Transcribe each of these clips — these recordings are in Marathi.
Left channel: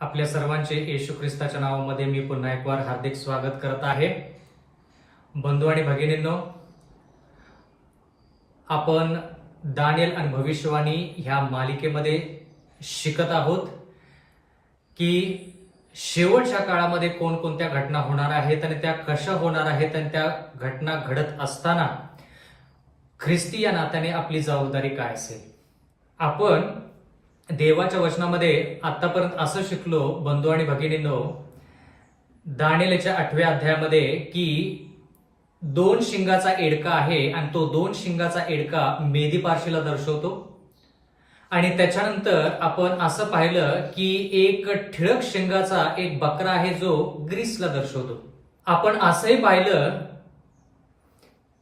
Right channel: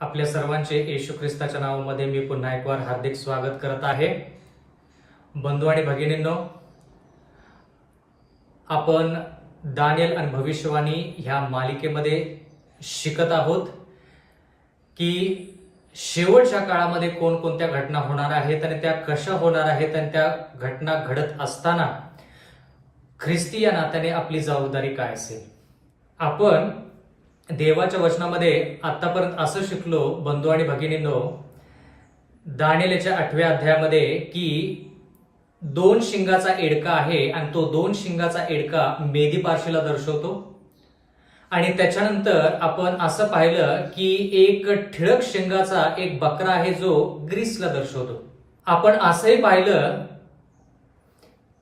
आपल्या सर्वांचे येशू ख्रिस्ताच्या नावामध्ये मी पुन्हा एक वार हार्दिक स्वागत करत आहे. बंधू आणि भगिनींनो, आपण दानिएल आणि भविष्यवाणी ह्या मालिकेमध्ये शिकत आहोत की शेवटच्या काळामध्ये कोणकोणत्या घटना होणार आहेत आणि त्या कशा होणार आहेत आणि त्या घटना घडत असताना ख्रिस्ती या नात्याने आपली जबाबदारी काय असेल. आपण देवाच्या वचनामध्ये आतापर्यंत असं शिकलो बंधू आणि भगिनींनो, दानिएलच्या 8व्या अध्यायामध्ये की 2 शिंगाचा एडका आहे आणि तो 2 शिंगाचा एडका मेदी पारशीला दर्शवतो. आणि त्याच्यानंतर आपण असं पाहिलं की एक ठिळक शिंगाचा एक बकरा आहे जो ग्रीसला दर्शवतो. आपण असंही पाहिलं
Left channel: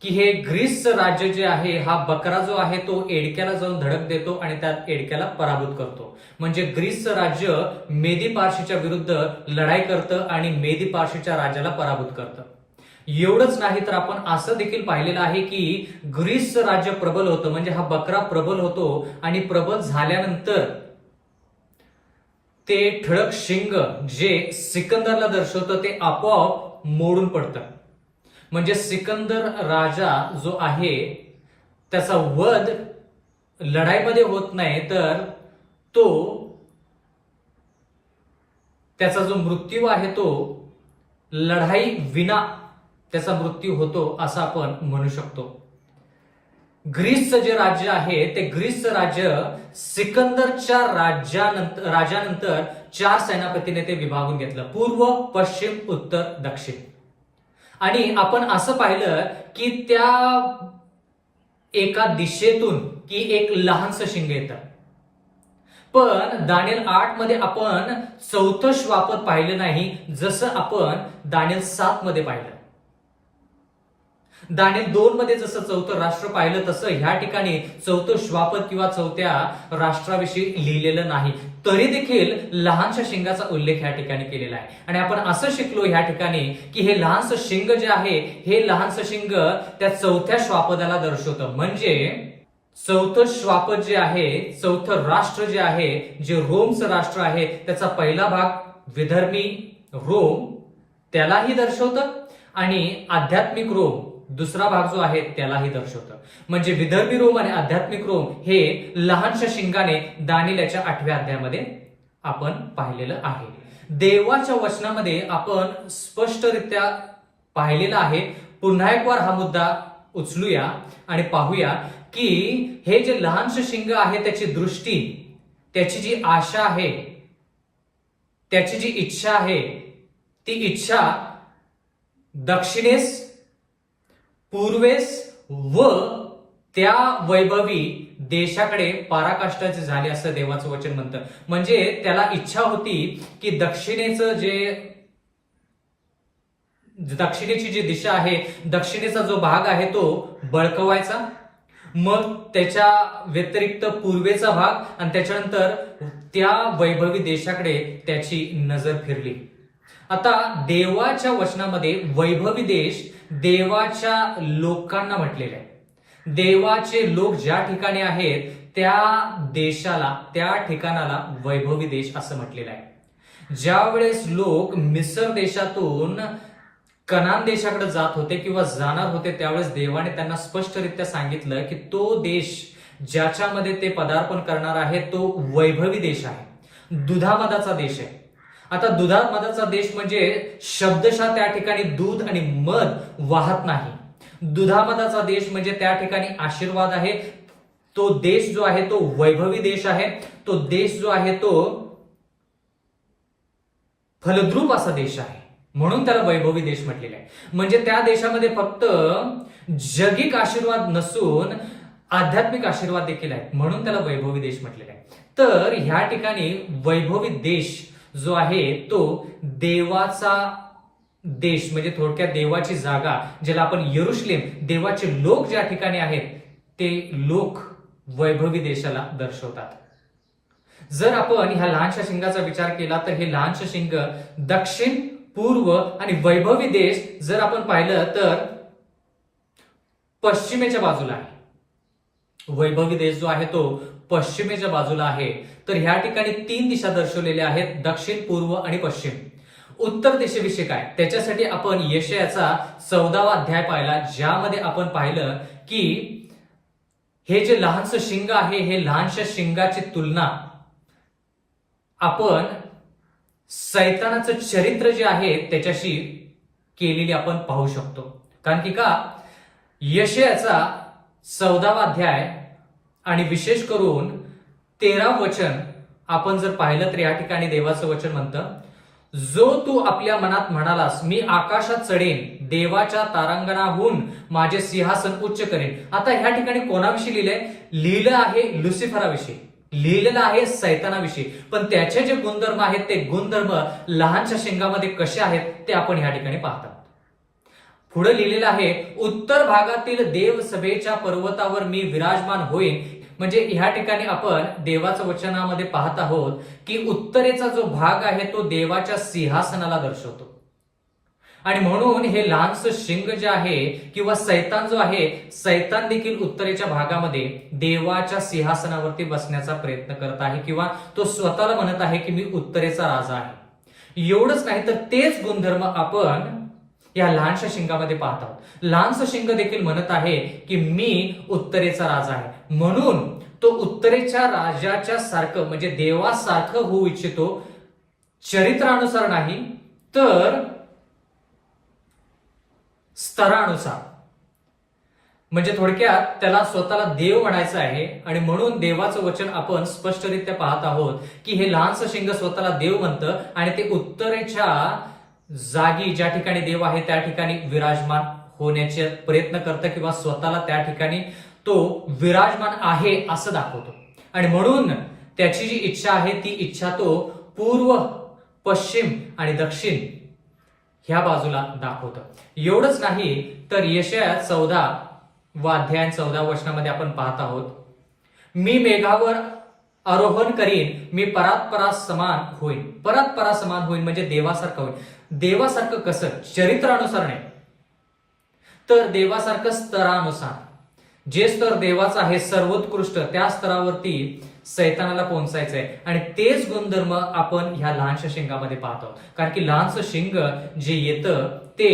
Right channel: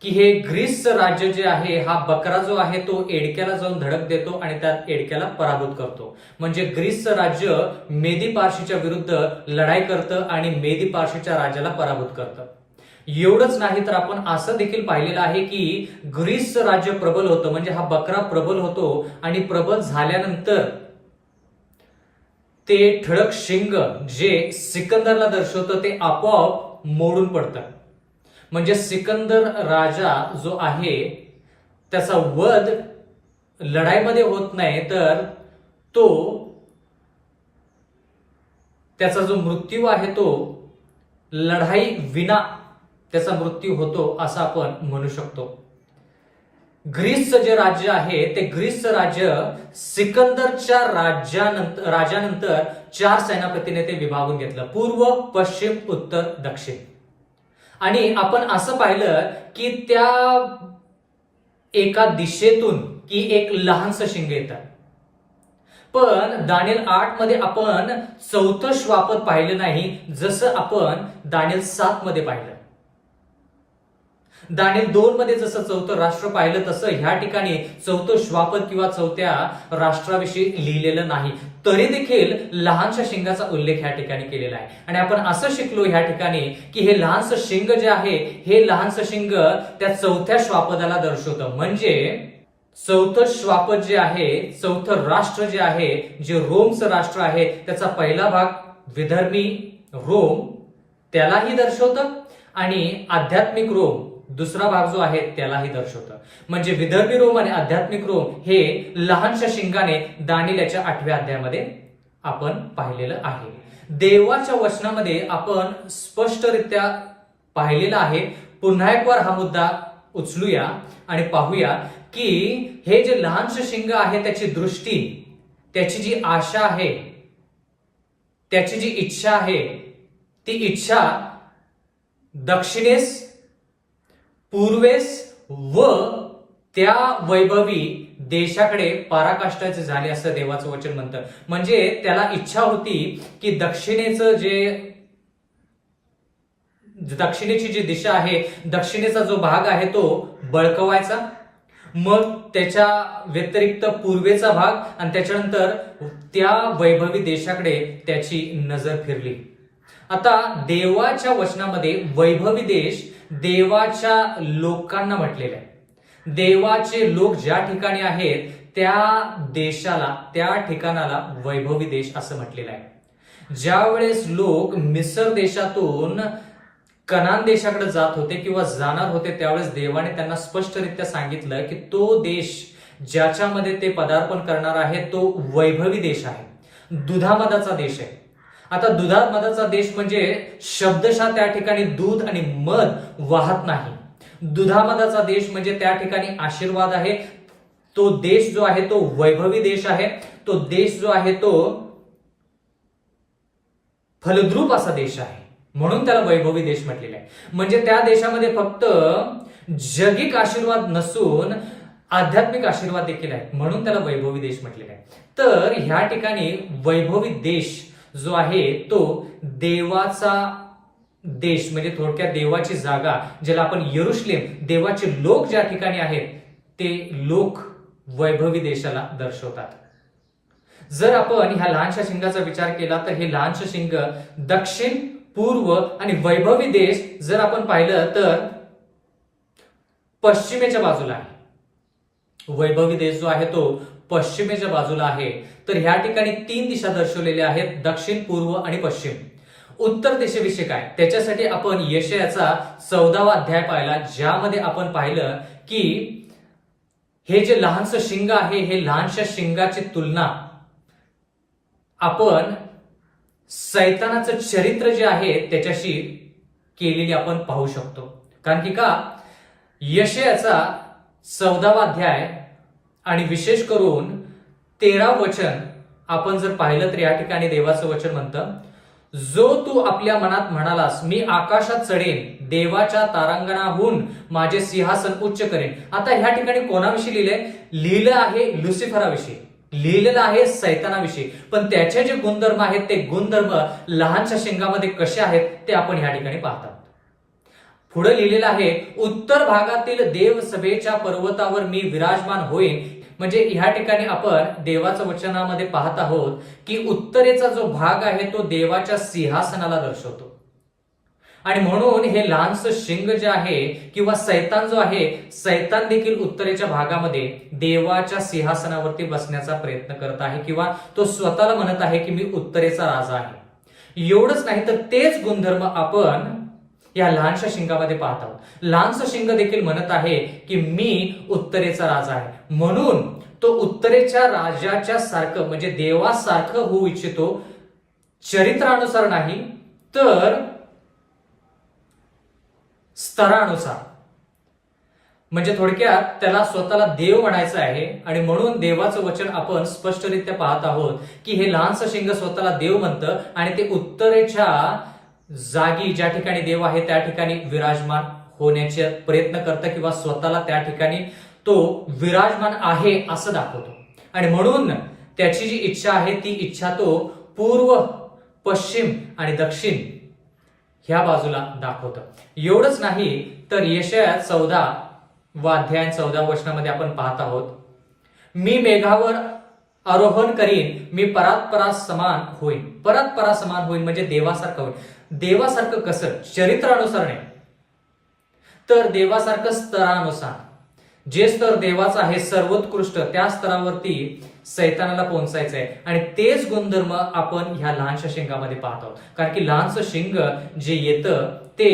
की हे ग्रीसचं राज्य जे आहे, हा बकरा जो आहे तो एडक्याला जाऊन धडक देतो आणि त्या एडक्याला पराभूत करतो. म्हणजे ग्रीसचं राज्य मेदी पारशीच्या विरुद्ध लढाई करतं आणि मेदी पारशीच्या राज्याला पराभूत करतं. एवढंच नाही तर आपण असं देखील पाहिलेलं आहे की ग्रीसचं राज्य प्रबल होतं, म्हणजे हा बकरा प्रबल होतो आणि प्रबल झाल्यानंतर ते ठळक शिंग जे सिकंदरला दर्शवतं ते आपोआप मोडून पडतं. म्हणजे सिकंदर राजा जो आहे त्याचा वध लढाईमध्ये होत नाही, तर तो त्याचा जो मृत्यू आहे तो लढाई विना त्याचा मृत्यू होतो असं आपण म्हणू शकतो. ग्रीसचं जे राज्य आहे ते ग्रीसचं राज्य सिकंदरच्या राजानंतर 4 सेनापतीने ते विभागून घेतलं: पूर्व, पश्चिम, उत्तर, दक्षिण. आणि आपण असं पाहिलं की त्या एका दिशेतून की एक लहानसं शिंग येतं. पण दानिएल 8 मध्ये आपण 4थं श्वापद पाहिलं नाही, जसं आपण दानिएल 7 मध्ये पाहिलं. दानिएल 2 मध्ये जसं 4थं राष्ट्र पाहिलं तसं ह्या ठिकाणी 4थं श्वापद किंवा 4थ्या राष्ट्राविषयी लिहिलेलं नाही. तरी देखील लहानशा शिंगाचा उल्लेख ह्या ठिकाणी केलेला आहे. आणि आपण असं शिकलो ह्या ठिकाणी की हे लहानसं शिंग जे आहे, हे लहानसं शिंग त्या 4थ्या श्वापदाला दर्शवतं. म्हणजे 4थं श्वापद जे आहे, 4थं राष्ट्र जे आहे, जे रोमचं राष्ट्र आहे, त्याचा पहिला भाग विधर्मी रोम त्यालाही दर्शवतं आणि आध्यात्मिक रोम दुसरा भाग जो आहे त्यालाही दर्शवतं. म्हणजे विदर्भी रोम आणि आध्यात्मिक रोम हे लहानशा शिंगाने दानिएलच्या 8व्या अध्यायामध्ये आपण पाहिलेलं आहे. देवाच्या वचनामध्ये आपण स्पष्टरित्या पाहिलेलं आहे. पुन्हा एक वार हा मुद्दा उचलूया आणि पाहूया की हे जे लहानशे शिंग आहे त्याची दृष्टी, त्याची जी आशा आहे, त्याची जी इच्छा आहे, ती इच्छा दक्षिणेस, पूर्वेस व त्या वैभवी देशाकडे पराकाष्ठाचे झाले असं देवाचं वचन म्हणतं. म्हणजे त्याला इच्छा होती की दक्षिणेची जी दिशा आहे, दक्षिणेचा जो भाग आहे तो बळकवायचा, मग त्याच्या व्यतिरिक्त पूर्वेचा भाग आणि त्याच्यानंतर त्या वैभवी देशाकडे त्याची नजर फिरली. आता देवाच्या वचनामध्ये वैभवी देश देवाच्या लोकांना म्हटलेले आहे. देवाचे लोक ज्या ठिकाणी आहेत त्या देशाला, त्या ठिकाणाला वैभवी देश असं म्हटलेलं आहे. ज्या वेळेस लोक मिस्र देशातून कनान देशाकडे जात होते किंवा जाणार होते, त्यावेळेस देवाने त्यांना स्पष्टरित्या सांगितलं की तो देश ज्याच्यामध्ये ते पदार्पण करणार आहे तो वैभवी देश आहे, दुधामधाचा देश आहे. आता दुधामधाचा देश म्हणजे शब्दशः त्या ठिकाणी दूध आणि मध वाहत नाही. दुधामधाचा देश म्हणजे त्या ठिकाणी आशीर्वाद आहे. तो देश जो आहे तो वैभवी देश आहे. तो देश जो आहे तो फलद्रूप असा देश आहे, म्हणून त्याला वैभवी देश म्हटलेला आहे. म्हणजे त्या देशामध्ये फक्त जगिक आशीर्वाद नसून आध्यात्मिक आशीर्वाद देखील आहेत, म्हणून त्याला वैभवी देश म्हटलेला आहे. तर ह्या ठिकाणी वैभवी देश जो आहे तो देवाचा देश, म्हणजे थोडक्यात देवाची जागा, ज्याला आपण यरुशलेम, देवाचे लोक ज्या ठिकाणी आहेत ते लोक वैभवी देशाला दर्शवतात. जर आपण ह्या लहानशा शिंगाचा विचार केला तर हे लहानशा शिंग दक्षिण, पूर्व आणि वैभवी देश जर आपण पाहिलं तर पश्चिमेच्या बाजूला आहे. वैभवी देश जो आहे तो पश्चिमेच्या बाजूला आहे. तर ह्या ठिकाणी 3 दिशा दर्शवलेल्या आहेत, दक्षिण, पूर्व आणि पश्चिम. उत्तर दिशेविषयी काय, त्याच्यासाठी आपण यशायाचा 14वा अध्याय पाहिला, ज्यामध्ये आपण पाहिलं की हे जे लहानसं शिंग आहे, हे लहानशा शिंगाची तुलना आपण सैतानाचं चरित्र जे आहे त्याच्याशी केलेली आपण पाहू शकतो. कारण की का, यशायाचा 14वा अध्याय आणि विशेष करून 13 वचन आपण जर पाहिलं तर या ठिकाणी देवाचं वचन म्हणतं, जो तू आपल्या मनात म्हणालास मी आकाशात चढेन, देवाच्या तारांगणाहून माझे सिंहासन उच्च करेन. आता ह्या ठिकाणी कोणाविषयी लिहिलंय? लिहिलं आहे लुसिफराविषयी, लिहिलेलं आहे सैतानाविषयी. पण त्याचे जे गुणधर्म आहेत ते गुणधर्म लहानशा शिंगामध्ये कसे आहेत ते आपण ह्या ठिकाणी पाहतो. पुढे लिहिलेलं आहे, उत्तर भागातील देवसभेच्या पर्वतावर मी विराजमान होईन. म्हणजे ह्या ठिकाणी आपण देवाच्या वचनामध्ये पाहत आहोत की उत्तरेचा जो भाग आहे तो देवाच्या सिंहासनाला दर्शवतो. आणि म्हणून हे लहानसं शिंग जे आहे किंवा सैतान जो आहे, सैतान देखील उत्तरेच्या भागामध्ये देवाच्या सिंहासनावरती बसण्याचा प्रयत्न करत आहे किंवा तो स्वतःला म्हणत आहे की मी उत्तरेचा राजा आहे. एवढंच नाही तर तेच गुणधर्म आपण या लहानशा शिंगामध्ये पाहत आहोत. लहानसं शिंग देखील म्हणत आहे की मी उत्तरेचा राजा आहे. म्हणून तो उत्तरेच्या राजाच्या सारखं म्हणजे देवासारखं होऊ इच्छितो, चरित्रानुसार नाही तर स्तरानुसार. म्हणजे थोडक्यात त्याला स्वतःला देव म्हणायचं आहे. आणि म्हणून देवाचं वचन आपण स्पष्टरित्या पाहत आहोत की हे लहानसं शिंग स्वतःला देव म्हणतं आणि ते उत्तरेच्या जागी ज्या ठिकाणी देव आहे त्या ठिकाणी विराजमान होण्याचे प्रयत्न करतं किंवा स्वतःला त्या ठिकाणी तो विराजमान आहे असं दाखवतो. आणि म्हणून त्याची जी इच्छा आहे ती इच्छा तो पूर्व, पश्चिम आणि दक्षिण ह्या बाजूला दाखवतं. एवढंच नाही तर यशाया 14वा अध्याय 14 वचनामध्ये आपण पाहत आहोत, मी मेघावर आरोहण करीन, मी परात्परास समान होईन. परात्परा समान होईन म्हणजे देवासारखं होईन. देवासारखं कसं? चरित्रानुसार नाही तर देवासारखं स्तरानुसार. जे स्तर देवाचं आहे सर्वोत्कृष्ट, त्या स्तरावरती सैतानाला पोहोचायचं आहे. आणि तेच गुणधर्म आपण ह्या लहानशा शिंगामध्ये पाहत आहोत. कारण की लहानसं शिंग जे येतं ते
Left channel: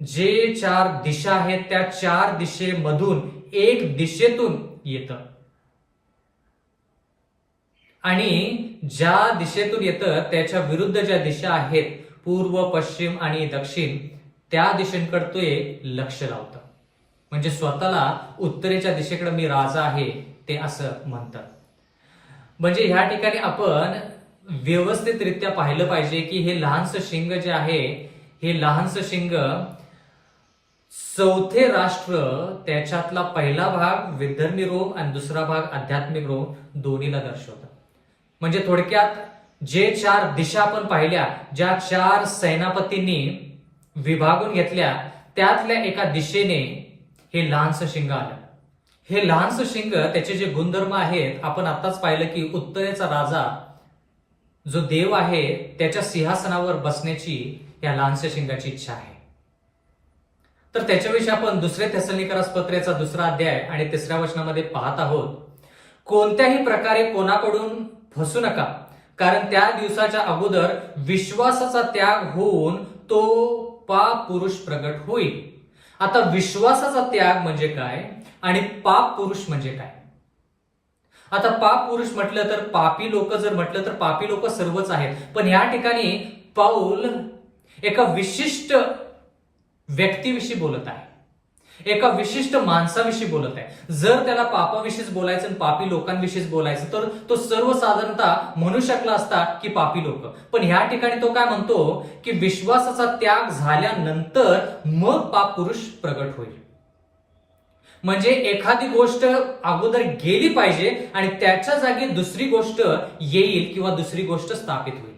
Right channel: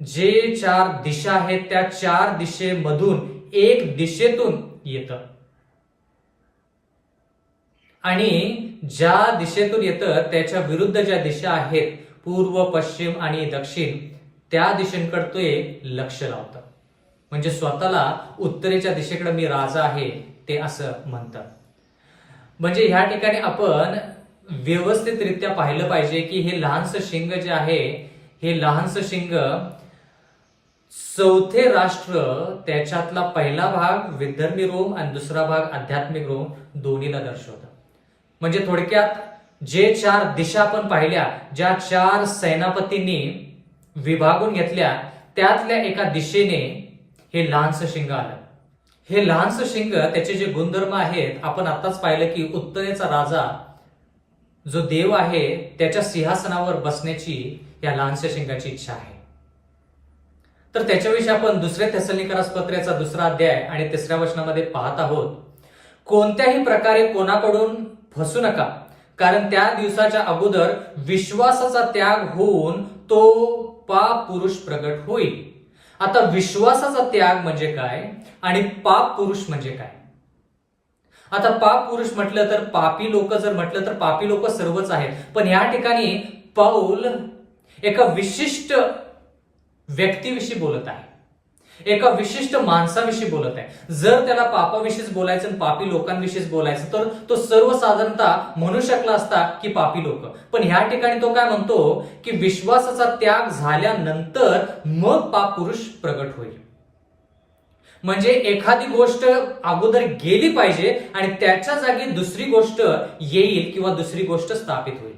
जे 4 दिशा आहेत त्या 4 दिशेमधून एक दिशेतून येतं. आणि ज्या दिशेतून येतं त्याच्या विरुद्ध ज्या दिशा आहेत पूर्व, पश्चिम आणि दक्षिण, त्या दिशेकडे ते लक्ष लावतं. म्हणजे स्वतःला उत्तरेच्या दिशेकडे मी राजा आहे ते असं म्हणतात. म्हणजे ह्या ठिकाणी आपण व्यवस्थितरित्या पाहिलं पाहिजे की हे लहानसं शिंग जे आहे, हे लहानसं शिंग 4थे राष्ट्र, त्याच्यातला पहिला भाग विधर्मी रोम आणि दुसरा भाग आध्यात्मिक रोम दोन्हीला दर्शवतं. म्हणजे थोडक्यात जे 4 दिशा आपण पाहिल्या, ज्या 4 सेनापतींनी विभागून घेतल्या, त्यातल्या एका दिशेने हे लहानसं शिंग आलं. हे लहानसं शिंग त्याचे जे गुणधर्म आहेत आपण आताच पाहिलं की उत्तरेचा राजा जो देव आहे त्याच्या सिंहासनावर बसण्याची या लहानशा शिंगाची इच्छा आहे. तर त्याच्याविषयी आपण 2 थेसलोनिकरास पत्रेचा 2रा अध्याय आणि 3ऱ्या वचनामध्ये पाहत आहोत, कोणत्याही प्रकारे कोणाकडून फसू नका, कारण त्या दिवसाच्या अगोदर विश्वासाचा त्याग होऊन तो पाप पुरुष प्रगट होईल. आता विश्वासाचा त्याग म्हणजे काय आणि पाप पुरुष म्हणजे काय? आता पाप पुरुष म्हटलं तर पापी लोक, जर म्हटलं तर पापी लोक सर्वच आहेत. पण या ठिकाणी पाऊल एका विशिष्ट व्यक्तीविषयी बोलत आहे, एका विशिष्ट माणसाविषयी बोलत आहे. जर त्याला पापाविषयीच बोलायचं आणि पापी लोकांविषयीच बोलायचं तर तो सर्वसाधारणतः म्हणू शकला असता की पापी लोक. पण ह्या ठिकाणी तो काय म्हणतो की विश्वासाचा त्याग झाल्यानंतर मग पाप पुरुष प्रगट होईल. म्हणजे एखादी गोष्ट अगोदर गेली पाहिजे आणि त्याच्या जागी दुसरी गोष्ट येईल किंवा दुसरी गोष्ट स्थापित होईल.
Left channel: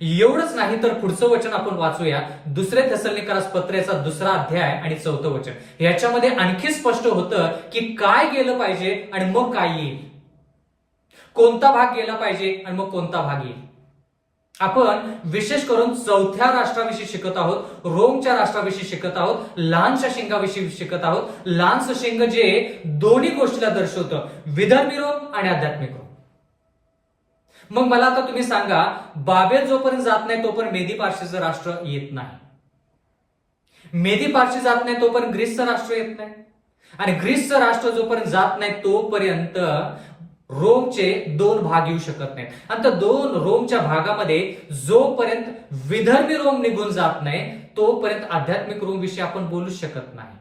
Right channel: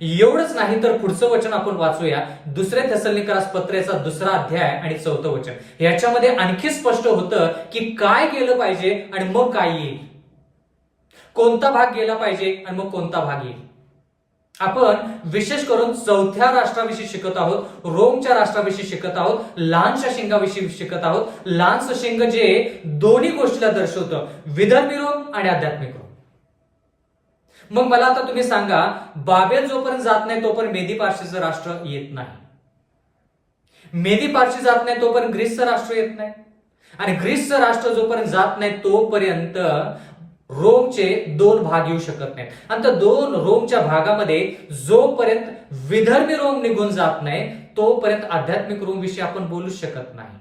एवढंच नाही तर पुढचं वचन आपण वाचूया, 2 थेसलोनिकरास पत्रेचा 2रा अध्याय आणि 4थं वचन. याच्यामध्ये आणखी स्पष्ट होतं की काय गेलं पाहिजे आणि मग काय येईल, कोणता भाग गेला पाहिजे आणि मग कोणता भाग येईल. आपण विशेष करून चौथ्या राष्ट्राविषयी शिकत आहोत, रोमच्या राष्ट्राविषयी शिकत आहोत, लहानशा शिंगाविषयी शिकत आहोत. लहानसं शिंग जे दोन्ही गोष्टीला दर्शवतं, विधर्मी रोम आणि आध्यात्मिक रोम. मग मला आता तुम्ही सांगा, बाबेल जोपर्यंत जात नाही तोपर्यंत मेदी पार्शीचं राष्ट्र येत नाही. मेदी पार्शी जात नाही तोपर्यंत ग्रीसचं राष्ट्र येत नाही. आणि ग्रीसचं राष्ट्र जोपर्यंत जात नाही तोपर्यंत रोमचे दोन भाग येऊ शकत नाहीत. आणि त्या दोन रोमच्या भागामध्ये जोपर्यंत विधर्मी रोम निघून जात नाही तोपर्यंत आध्यात्मिक रोम विषयी आपण बोलू शकत नाही.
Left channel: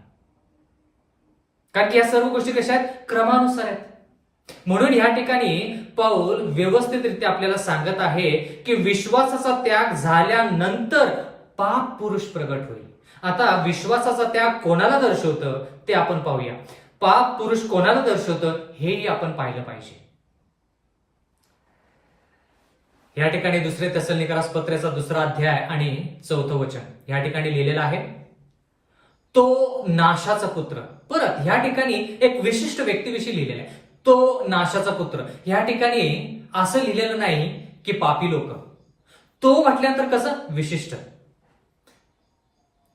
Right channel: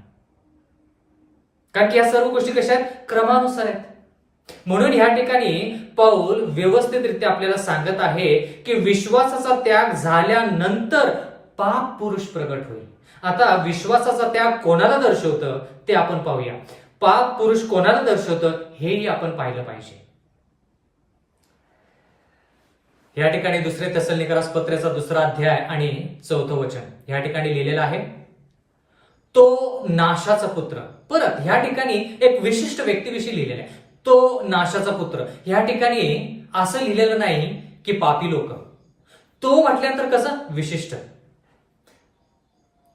कारण की या सर्व गोष्टी कशा आहेत? क्रमानुसार आहेत. म्हणून या ठिकाणी पौल व्यवस्थितरित्या आपल्याला सांगत आहे की विश्वासाचा त्याग झाल्यानंतर पाप पुरुष प्रगट होईल. आता विश्वासाचा त्याग कोणाला दर्शवतं ते आपण पाहूया. पाप पुरुष कोणाला दर्शवतं हेही आपण पाहिलं पाहिजे. या ठिकाणी दुसरे तेसलोनिकरास पत्राचा 2 अध्याय आणि 4 वचन या ठिकाणी लिहिलेलं आहे, तो नाशाचा पुत्र. परत या ठिकाणी एक विशिष्ट व्यक्तीविषयी लिहिलेलं आहे, तो नाशाचा पुत्र. या ठिकाणी असं लिहिलेलं नाही की पापी लोक. तो म्हटल्यानंतर कसं विशिष्ट.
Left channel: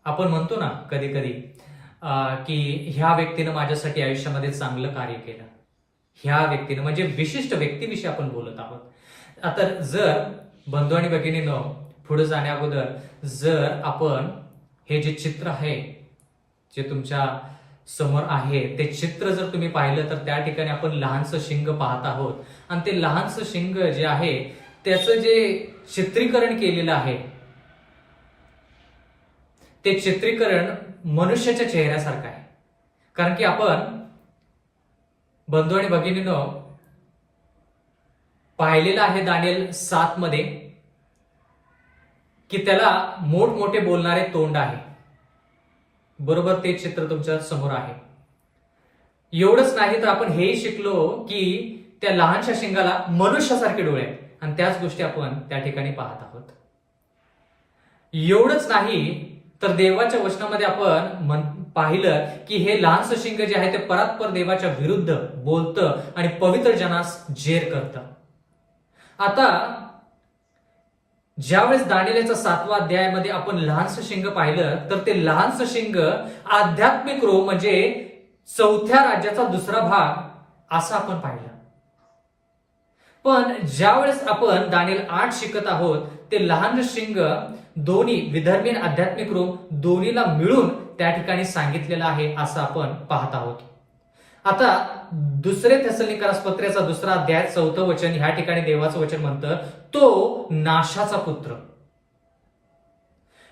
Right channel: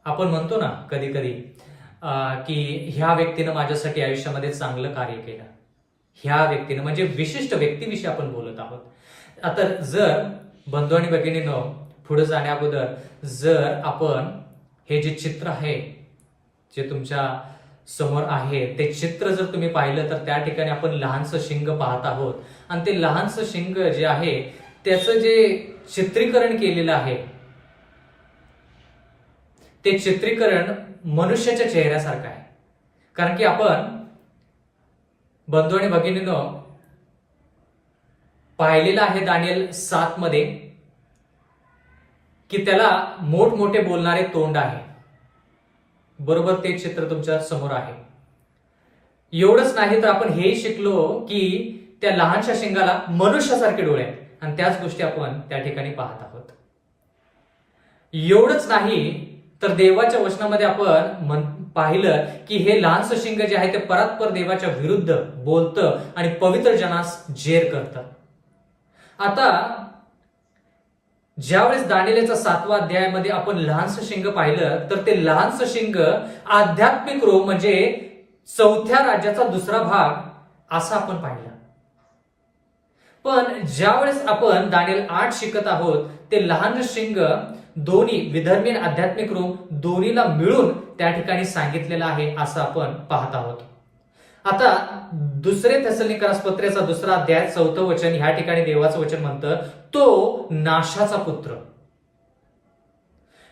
आपण म्हणतो ना कधी कधी की ह्या व्यक्तीनं माझ्यासाठी आयुष्यामध्ये चांगलं कार्य केलं. ह्या व्यक्तीनं म्हणजे विशिष्ट व्यक्तीविषयी आपण बोलत आहोत. आता जर बंधू आणि भगिनींनो, पुढे जाण्या अगोदर जर आपण हे जे चित्र आहे जे तुमच्या समोर आहे ते चित्र जर तुम्ही पाहिलं तर त्या ठिकाणी आपण लहानसं शिंग पाहत आहोत. आणि ते लहानसं शिंग जे आहे त्याचं जे चित्रीकरण केलेलं आहे ते चित्रीकरण मनुष्याच्या चेहऱ्यासारखं आहे. कारण की आपण बंधू आणि भगिनींनो पाहिलेलं आहे दानिएल 7 मध्ये की त्याला मोठमोठे बोलणारे तोंड आहे. बरोबर ते चित्र तुमच्या समोर आहे. एवढंच नाही तर आपण हेही शिकलो की त्या लहानशा शिंगाला मनुष्यासारखे डोळे आहेत. आणि त्याच गोष्टी आपण त्या ठिकाणी पाहत आहोत. एवढंच नाही तर देवाच्या वचनामध्ये आपण पाहिलं की हे लहानसं शिंग जे आहे ते परात्पर देवाच्या विरुद्ध बोलतं आणि पवित्र जनास जेर करतं. आता ज्यावेळेस दानिएलच्या 7व्या अध्यायामध्ये आपण लहानसं शिंग पाहिलं तर ते लहानसं शिंग आध्यात्मिक रोम म्हणजे चौथ्या राज्याचा दुसरा भाग असं आपण पाहिलं. पण ज्यावेळेस आपण दानिएल 8 शिकत आहोत ते लहान शिंग दोन्ही विधर्मी आणि आध्यात्मिक रोम दोन्हीला मिळून त्या ठिकाणी सांगितलेलं आहे असं आपण पाहत आहोत. आता दुसरे तेसलोनिकरास पत्राचा 2 अध्याय 4 वचन ह्या ठिकाणी देवाचं वचन म्हणतं, तो नाशाचा पुत्र,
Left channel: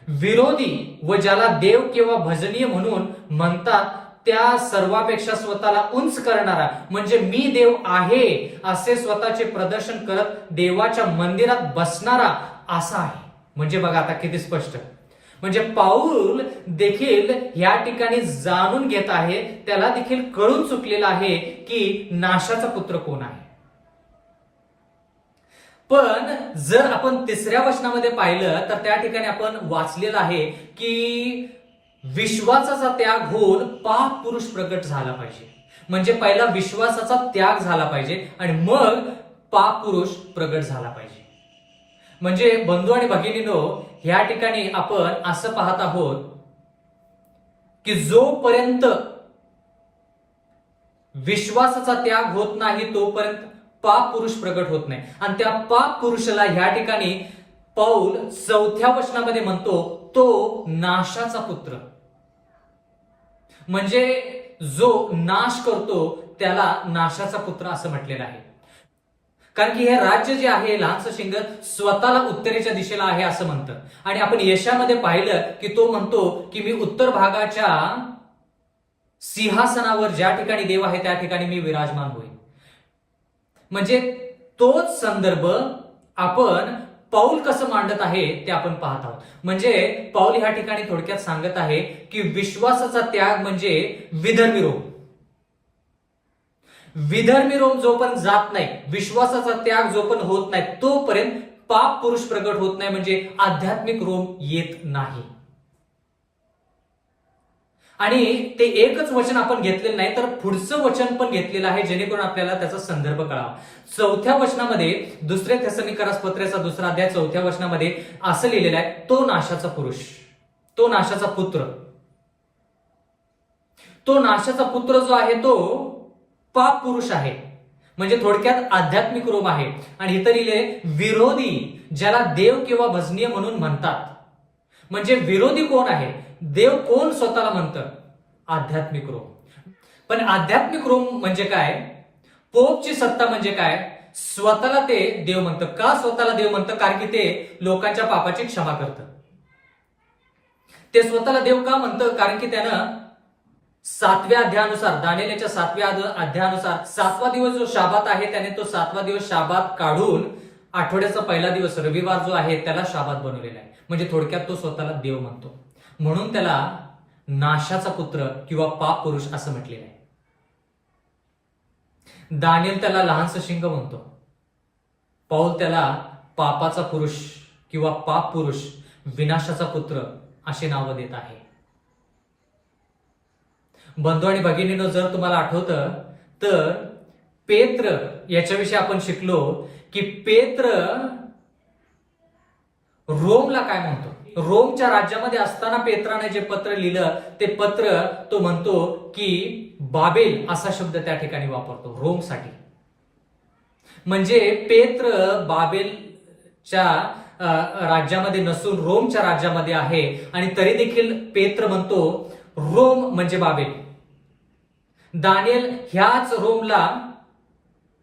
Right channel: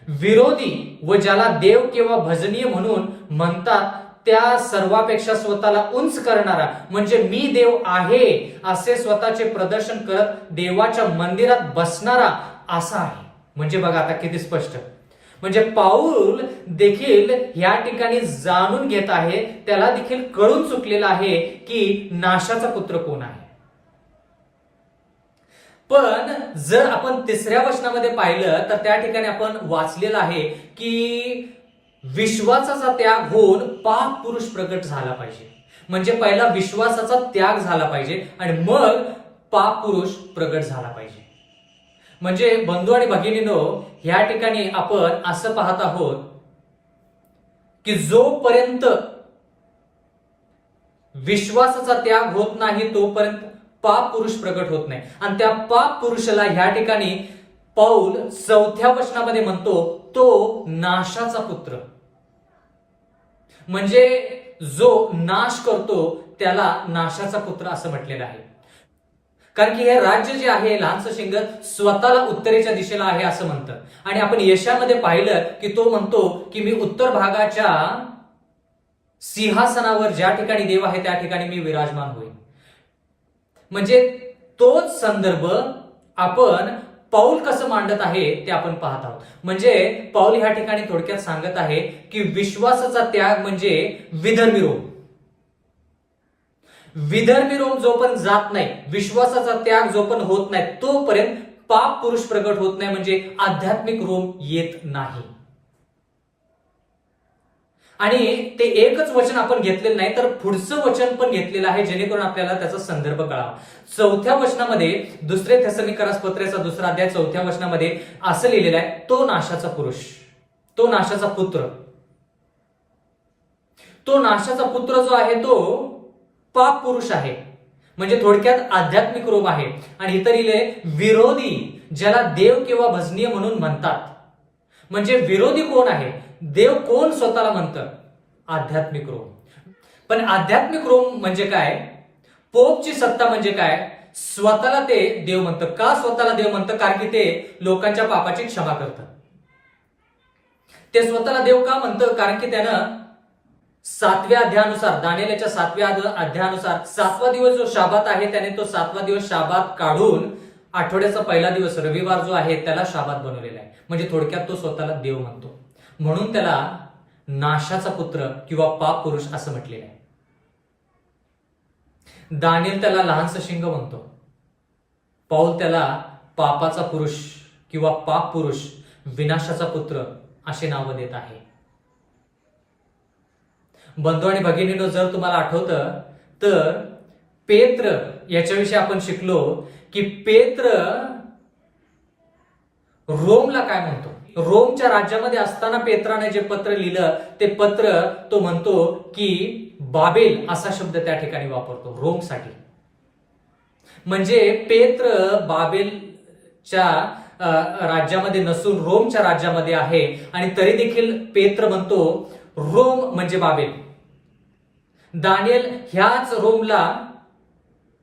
विरोधी व ज्याला देव किंवा भजनीय म्हणून म्हणतात त्या सर्वापेक्षा स्वतःला उंच करणारा म्हणजे मी देव आहे असे स्वतःचे प्रदर्शन करत देवाच्या मंदिरात बसणारा असा आहे. म्हणजे बघा आता किती स्पष्ट. म्हणजे पाऊल देखील या ठिकाणी जाणून घेत आहे, त्याला देखील कळून चुकलेलं आहे की नाशाचा पुत्र कोण आहे. पण जर आपण 3ऱ्या वचनामध्ये पाहिलं तर त्या ठिकाणी आपण वाचलेलं आहे की विश्वासाचा त्याग होऊन पाप पुरुष प्रगट झाला पाहिजे. म्हणजे पहिला विश्वासाचा त्याग झाला पाहिजे आणि मग पाप पुरुष प्रगट झाला पाहिजे. म्हणजे बंधू आणि भगिनींनो ह्या ठिकाणी आपण असं पाहत आहोत की जोपर्यंत विश्वासाचा त्याग होत नाही तोपर्यंत पाप पुरुष प्रगट होत नाही. आणि त्या पाप पुरुषाला ह्या ठिकाणी पौल 4थ्या वचनामध्ये म्हणतो तो नाशाचा पुत्र. म्हणजे जो नाश करतो त्याला नाशाचा पुत्र असं म्हटलेलं आहे. कारण की हे राज्य जे आहे लहानसं शिंग स्वतःला उत्तरेच्या दिशेला आहे असं म्हणतं. आणि आपण यशामध्ये पाहिलं की तो म्हणतो की मी उत्तर भागाच्या सिंहासनावर ज्या ठिकाणी देव आहे त्या ठिकाणी मी विराजमान होईल. म्हणजे तोच संदर्भ आपण पौल कसं मांडत आहे ते आपण पाहत आहोत. म्हणजे पौल ह्या ठिकाणी थोडक्यात सांगत आहे की विश्वासाचा त्याग म्हणजे विधर्मी रोम. विधर्मी रोम जोपर्यंत जात नाही, विश्वासाचा त्याग जोपर्यंत होत नाही तोपर्यंत पाप पुरुष प्रगट होत नाही. म्हणजे आध्यात्मिक रोम येत नाही. आणि ते एकच वचन आपण घेतलेलं नाही, तर पुढचं वचन पण घेतलेलं आहे, जेणेकरून आपल्याला त्याचा संदर्भ कळावा. 4थ्या वचनामध्ये, 2 थेसलोनिकरास पत्राचा 2रा अध्याय 4थ्या वचनामध्ये असं लिहिलेलं आहे, तो नाशाचा पुरुष, तो नाशाचा पुत्र. तो नाशाचा पुत्र जो आहे तो पाप पुरुष आहे, म्हणजे थोडक्यात आध्यात्मिक रोम आहे. आणि इथं लिहिले विरोधी, ज्याला देव किंवा भजनीय म्हणून म्हणतात. म्हणजे विरोधी कोण आहे? देव कोण स्वतःला म्हणतं? आध्यात्मिक रोम. पण आध्यात्मिक रोम म्हणजे काय? पोपची सत्ता म्हणजे काय? स्वतःला ते देव म्हणतं. का स्वतःला देव म्हणतं? कारण की ते लोकांच्या पापाची क्षमा करतं. ते स्वतःला देव का म्हणतं? कारण की त्यानं 7व्या अध्यायानुसार, दानिएलच्या 7व्या अध्यायानुसार 7वा दिवस जो शाबात आहे, त्याने तो 7वा दिवस शाबात काढून आठवड्याचा पहिला दिवस रविवार जो आहे त्याला शाबात बनवलेला आहे. म्हणजे थोडक्यात तो स्वतःला देव म्हणतो. म्हणून त्याला नाशाचा पुत्र किंवा पाप पुरुष असं म्हटलेलं आहे. दानिएल त्याला लहानसं शिंग म्हणतो. पौल त्याला पापाचा पुरुष किंवा पाप पुरुष, विनाशाचा पुत्र असे नावं देत आहे. बंधू आणि भगिनींनो, जर तुम्हाला आठवतं तर पेत्र याच्याविषयी आपण शिकलो की पेत्र रोमला काय म्हणतो? रोमच्या राज्यामध्ये असताना पेत्राने जे पत्र लिहिलं ते पत्र तो म्हणतो की बाबेल असा शब्द त्या ठिकाणी वापरतो रोमसाठी. म्हणजे पेत्र बाबेलच्या राज्यामध्ये नसून रोमच्या राज्यामध्ये आहे. आणि तरी देखील पेत्र म्हणतो रोम म्हणजे बाबेल. दानिएल ह्याच रोमला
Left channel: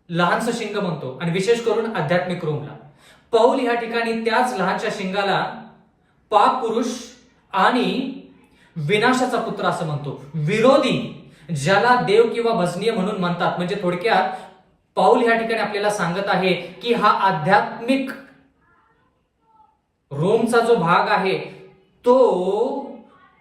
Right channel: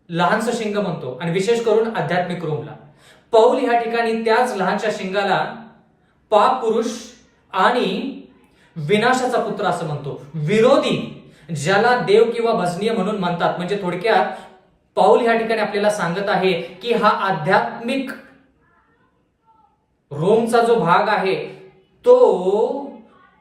लहानसं शिंग म्हणतो, आणि विशेष करून आध्यात्मिक रोमला. पौल ह्या ठिकाणी त्याच लहानशा शिंगाला पाप पुरुष आणि विनाशाचा पुत्र असं म्हणतो. विरोधी, ज्याला देव किंवा भजनीय म्हणून म्हणतात. म्हणजे थोडक्यात पौल ह्या ठिकाणी आपल्याला सांगत आहे की हा आध्यात्मिक रोमचा जो भाग आहे तो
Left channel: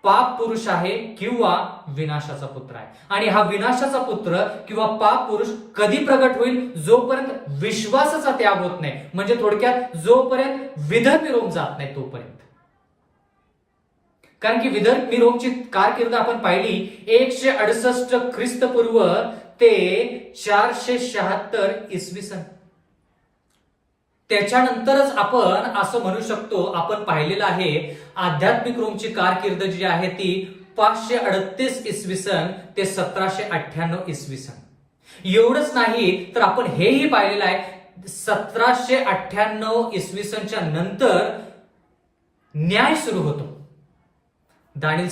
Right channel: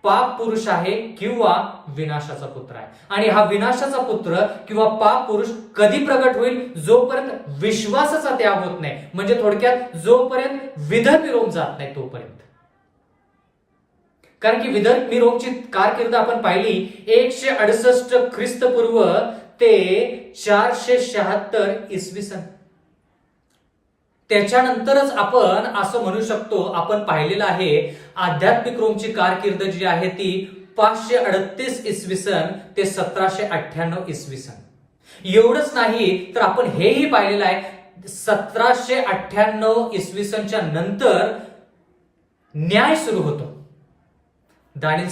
पाप पुरुष आहे किंवा विनाशाचा पुत्र आहे. आणि हा विनाशाचा पुत्र किंवा पाप पुरुष कधी प्रगट होईल? जोपर्यंत विश्वासाचा त्याग होत नाही. म्हणजे थोडक्यात जोपर्यंत विधर्मी रोम जात नाही तोपर्यंत. कारण की विधर्मी रोमची कारकीर्द आपण पाहिली 168 ख्रिस्तपूर्व ते 476 इसवी सन. त्याच्यानंतरच आपण असं म्हणू शकतो, आपण पाहिलेलं आहे आध्यात्मिक रोमची कारकीर्द जी आहे ती 538 इसवी सन ते 1798 इसवी सन. एवढंच नाही तर आपण हेही पाहिलेलं आहे 1798 इसवी सनच्या नंतर न्याय सुरू होतो. दानिएल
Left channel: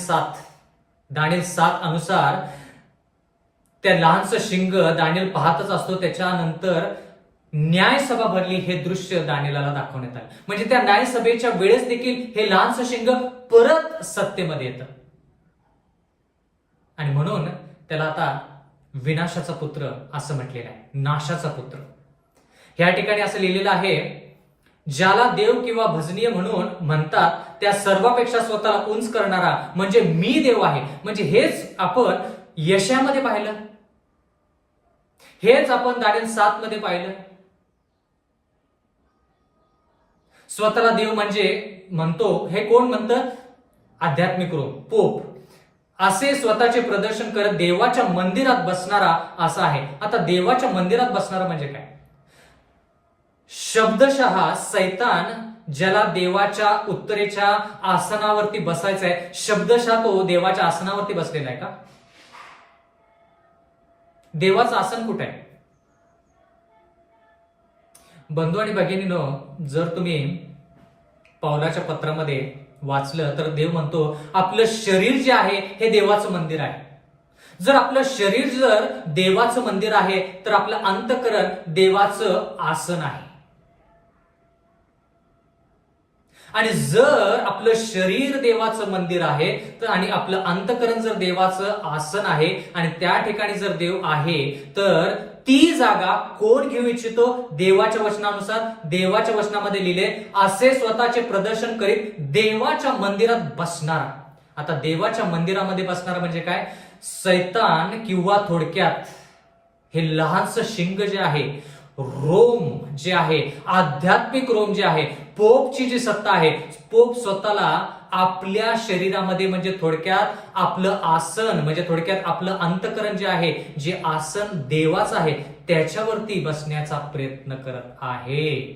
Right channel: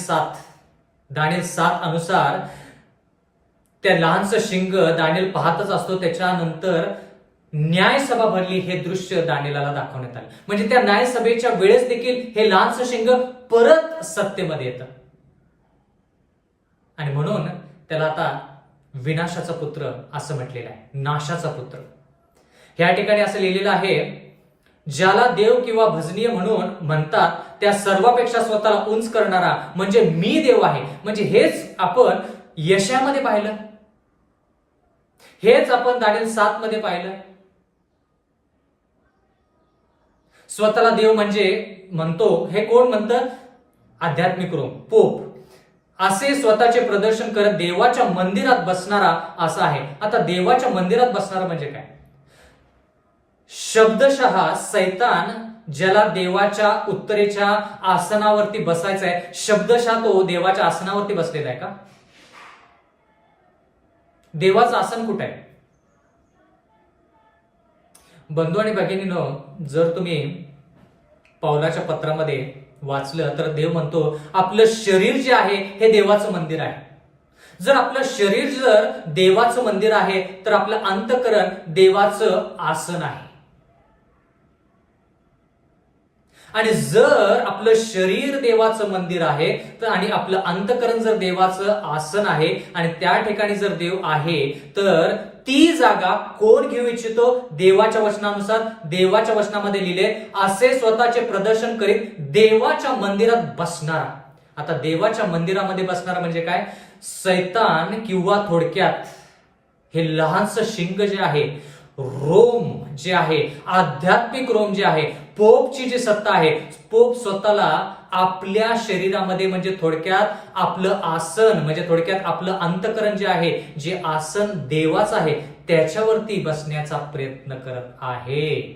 7 अनुसार त्या लहानसं शिंग दानिएल पाहतच असतो. त्याच्यानंतर न्यायसभा भरली हे दृश्य दानिएलाला दाखवण्यात आलं. म्हणजे त्या न्यायसभेच्या वेळेस देखील हे लहानसं शिंग परत सत्तेमध्ये येतं. आणि म्हणून त्याला आता विनाशाचा पुत्र असं म्हटलेलं आहे, नाशाचा पुत्र. ह्या ठिकाणी असं लिहिलेलं आहे, ज्याला देव किंवा भजनीय म्हणून म्हणतात त्या सर्वापेक्षा स्वतःला उंच करणारा म्हणजे मी देव आहे. म्हणजे हेच आपण यशामध्ये पाहिलं, हेच आपण दानिएल 7 मध्ये पाहिलं. स्वतःला देव म्हणजे म्हणतो, हे कोण म्हणतं? आध्यात्मिक रोम, पोप. असे स्वतःचे प्रदर्शन करत देवाच्या मंदिरात बसणारा असा आहे. आता देवाच्या मंदिरात बसणारा म्हणजे काय? शब्दशः सैतान ज्याला देवाच्या उत्तरेच्या आसनावरती बसायचं आहे, शब्दशः तो देवाच्या आसनावरती बसलेला आहे का? देवाचं आसन कुठे आहे? बंधू आणि भगिनींनो, जर तुम्ही पौलाच्या पत्रामध्ये वाचलं तर देव म्हणतो आपलं शरीर जे आहे हे देवाचं मंदिर आहे. जर आपलं शरीर जर देवाचं मंदिर आहे तर आपलं अंतःकरण देवाचं आसन आहे. आणि जर आपलं शरीर देवाचं मंदिर आहे तर आणि आपलं अंतःकरण जर देवाचं आसन आहे आणि त्या ठिकाणी जर देव आहे तर ती जागा कोण घेऊ इच्छितो? देवाच्या वचनानुसार, देवाच्या वचनामध्ये लिहिले असे स्वतःचे प्रदर्शन करीत देवाच्या मंदिरात बसणारा. आता देवाच्या मंदिरामध्ये बसणारा म्हणजे काय? सैतान किंवा थोडक्यात हे लहानसं शिंग जे आहे रोम जे आहे, आध्यात्मिक रोम जे आहे, पोपची जी सत्ता आहे, पोप स्वतःला आपल्या शरीरामध्ये म्हणजे थोडक्यात आपलं आसन म्हणजे थोडक्यात आपलं अंतःकरण जे आहे, जे आसन देवाचं आहे त्याच्यावरती बसण्याचा प्रयत्न करत आहे.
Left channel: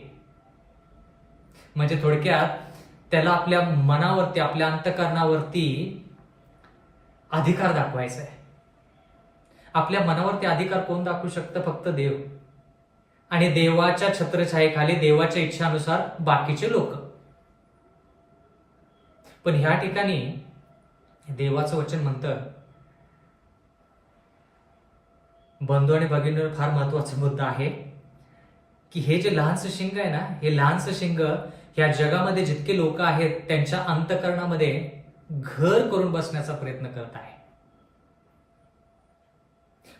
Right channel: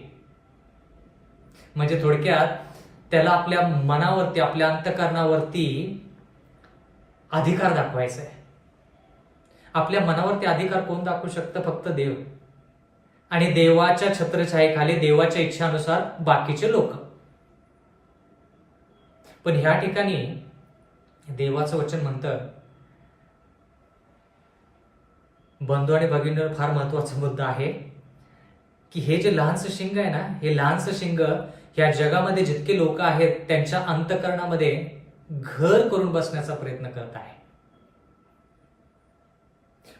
म्हणजे थोडक्यात त्याला आपल्या मनावरती आपल्या अंतःकरणावरती अधिकार दाखवायचा आहे. आपल्या मनावरती अधिकार कोण दाखवू शकतं? फक्त देव. आणि देवाच्या छत्रछायेखाली देवाच्या इच्छानुसार बाकीचे लोक. पण ह्या ठिकाणी देवाचं वचन म्हणतं, बंधू आणि भगिनी, फार महत्वाचा मुद्दा आहे की हे जे लहानसं शिंग आहे ना, हे लहानसं शिंग ह्या जगामध्ये जितके लोक आहेत त्यांच्या अंतःकरणामध्ये घर करून बसण्याचा प्रयत्न करत आहे.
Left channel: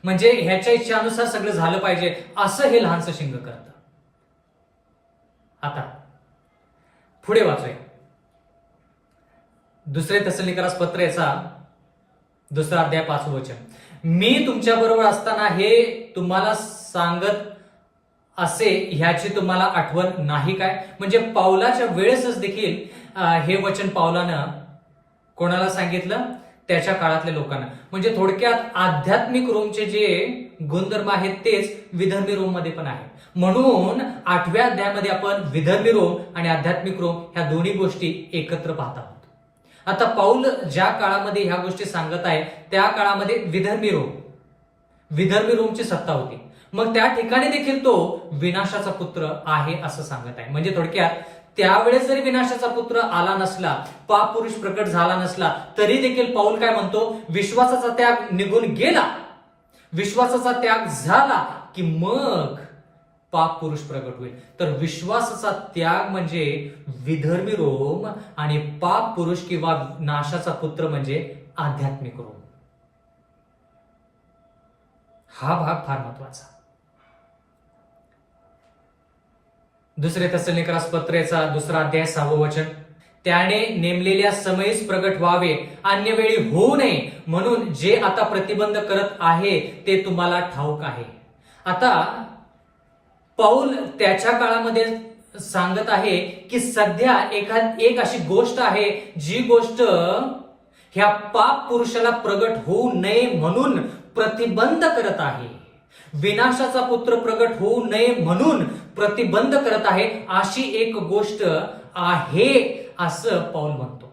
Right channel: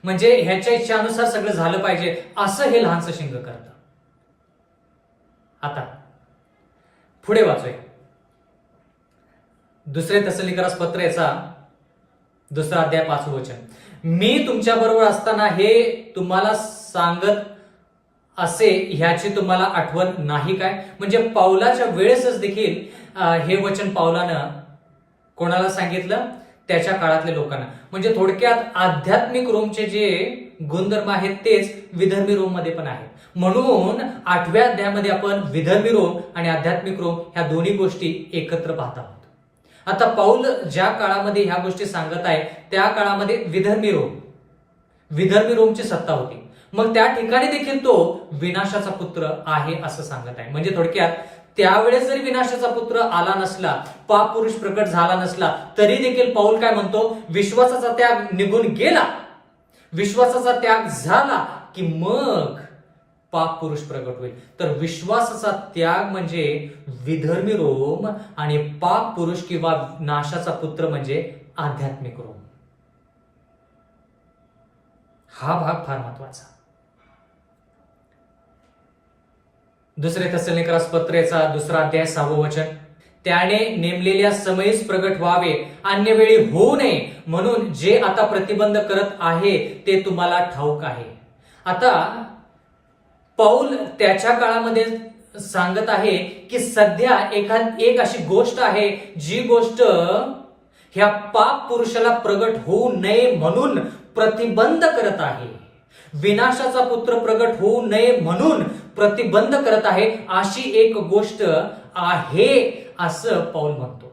म्हणजे ह्याच्या इच्छानुसार सगळं झालं पाहिजे असं हे लहानसं शिंग करतं. आता पुढे वाचूया. दुसरे थेसलोनिकरास पत्र याचा 2 अध्याय 5 वचन. मी तुमच्या बरोबर असताना हे तुम्हाला सांगत असे ह्याची तुम्हाला आठवण नाही काय? म्हणजे पाऊलाच्या वेळेसच देखील हे वचन पाऊलानं कोणाला सांगितलं? त्याच्या काळातल्या लोकांना. म्हणजे थोडक्यात आध्यात्मिक रोमचे जे गुणधर्म आहेत तेच विधर्मी रोम मध्ये पण आहेत. म्हणून 8व्या अध्यायामध्ये आपण विधर्मी रोम आणि आध्यात्मिक रोम ह्या दोन्ही गोष्टी एकत्र पाहत आहोत. आता पाऊल ज्या काळामध्ये ह्या गोष्टी सांगत आहे त्या काळामध्ये विधर्मी रोमची सत्ता होती. मग त्या ठिकाणी देखील तो विनाशाचा पुत्र आहे असं सांगत आहे. म्हणजे थोडक्यात त्यावेळेस जरी विनाशाचा पुत्र आला नसला, पाप पुरुष प्रकट झाला नसला, तरी देखील पाऊल काय म्हणतो? विश्वासाचा त्याग निघून गेला, विश्वासाचा त्याग झाला की मग पाप पुरुष प्रकट होईल. तर विश्वासाचा त्याग म्हणजे विधर्मी रोम आणि पाप पुरुष किंवा नाशाचा पुत्र म्हणजे आध्यात्मिक रोम. हा भाग फार महत्वाचा. दुसरे थेसलोनिकरास पत्रेचा 2 अध्याय 6 वचन. त्याने नेमलेल्या समयीच प्रगट व्हावे, अन्य वेळी होऊ नये म्हणून जे आता प्रतिबंध करत आहे ते तुम्हाला ठाऊक आहे. आता पाऊल त्याच्या काळामध्ये सांगत आहे की सध्या एक अशी गोष्ट आहे जी गोष्ट ह्या पाप पुरुषाला प्रगट होऊ नये म्हणून प्रतिबंध करत आहे. विनाशाचा पुत्र प्रगट होऊ नये म्हणून प्रतिबंध करत आहे, अशी एक गोष्ट आहे असं पाऊल म्हणतो.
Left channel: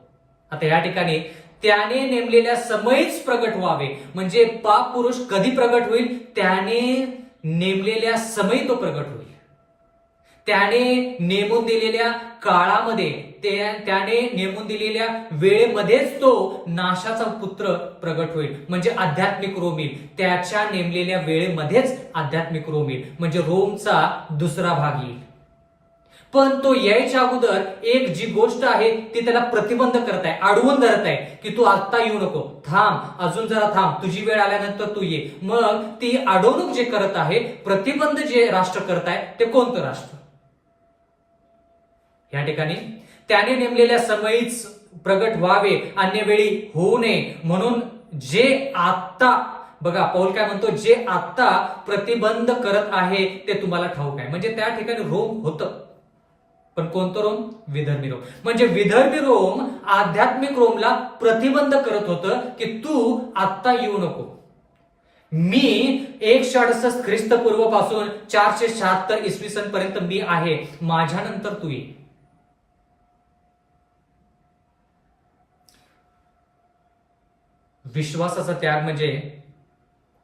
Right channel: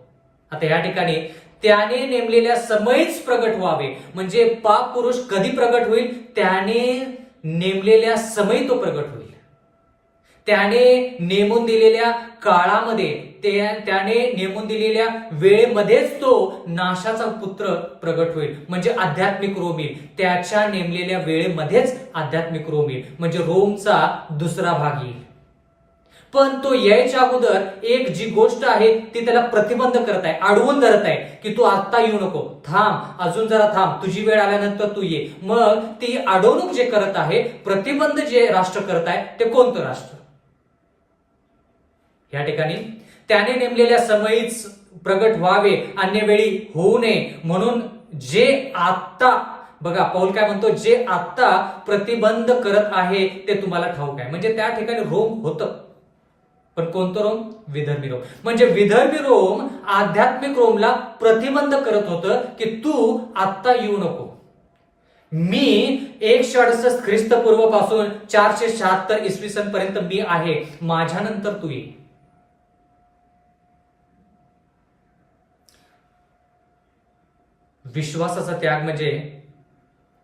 आता या ठिकाणी त्याने नेमलेल्या समयीच प्रगट व्हावे म्हणजे पाप पुरुष कधी प्रगट होईल? त्याने नेमलेल्या समयी तो प्रगट होईल. त्याने नेमून दिलेल्या काळामध्ये, त्याने नेमून दिलेल्या वेळेमध्येच तो नाशाचा पुत्र प्रगट होईल. म्हणजे आध्यात्मिक रोम येईल. त्याच्या नेमलेल्या वेळेमध्येच आध्यात्मिक रोम येईल. म्हणजे रोमचा दुसरा भाग येईल. पण तो यायच्या अगोदर एक जी गोष्ट आहे ती त्याला प्रतिबंध करत आहे, अडवून धरत आहे की तू आता येऊ नको, थांब, अजून जरा थांब, तुझी वेळ आल्यानंतर तू ये. मग ती अडवणूक जे करत आहे, प्रतिबंध जे राष्ट्र करत आहे ते कोणतं राष्ट्र? या ठिकाणी त्याने नेमलेल्या समयीच प्रगट व्हावे, अन्य वेळी होऊ नये म्हणून जे आत्ता, बघा पाऊल काय म्हणतो, जे आत्ता प्रतिबंध करत आहे ते तुम्हाला ठाऊक आहे. म्हणजे त्या ठिकाणी रोम होतं, पण कोणतं रोम? विधर्मी रोम. म्हणजे विधर्मी रोम आध्यात्मिक रोमला प्रतिबंध करत होतं की तू आत्ता येऊ नको. मी 168 ख्रिस्तपूर्व पासून 476 इसवी सन पर्यंत मी आहे, माझ्यानंतर तू ये. विश्वासाचा त्याग म्हणजे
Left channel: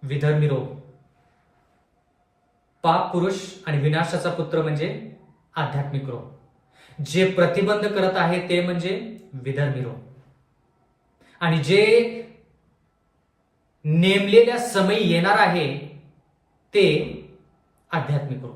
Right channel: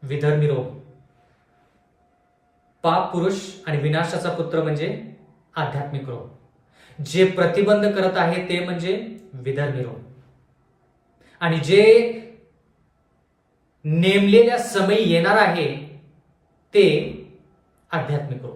विधर्मी रोम, पाप पुरुष आणि विनाशाचा पुत्र म्हणजे आध्यात्मिक रोम. जे प्रतिबंध करत आहे ते म्हणजे विधर्मी रोम, आणि जे नेमलेल्या समयी येणार आहे ते आध्यात्मिक रोम.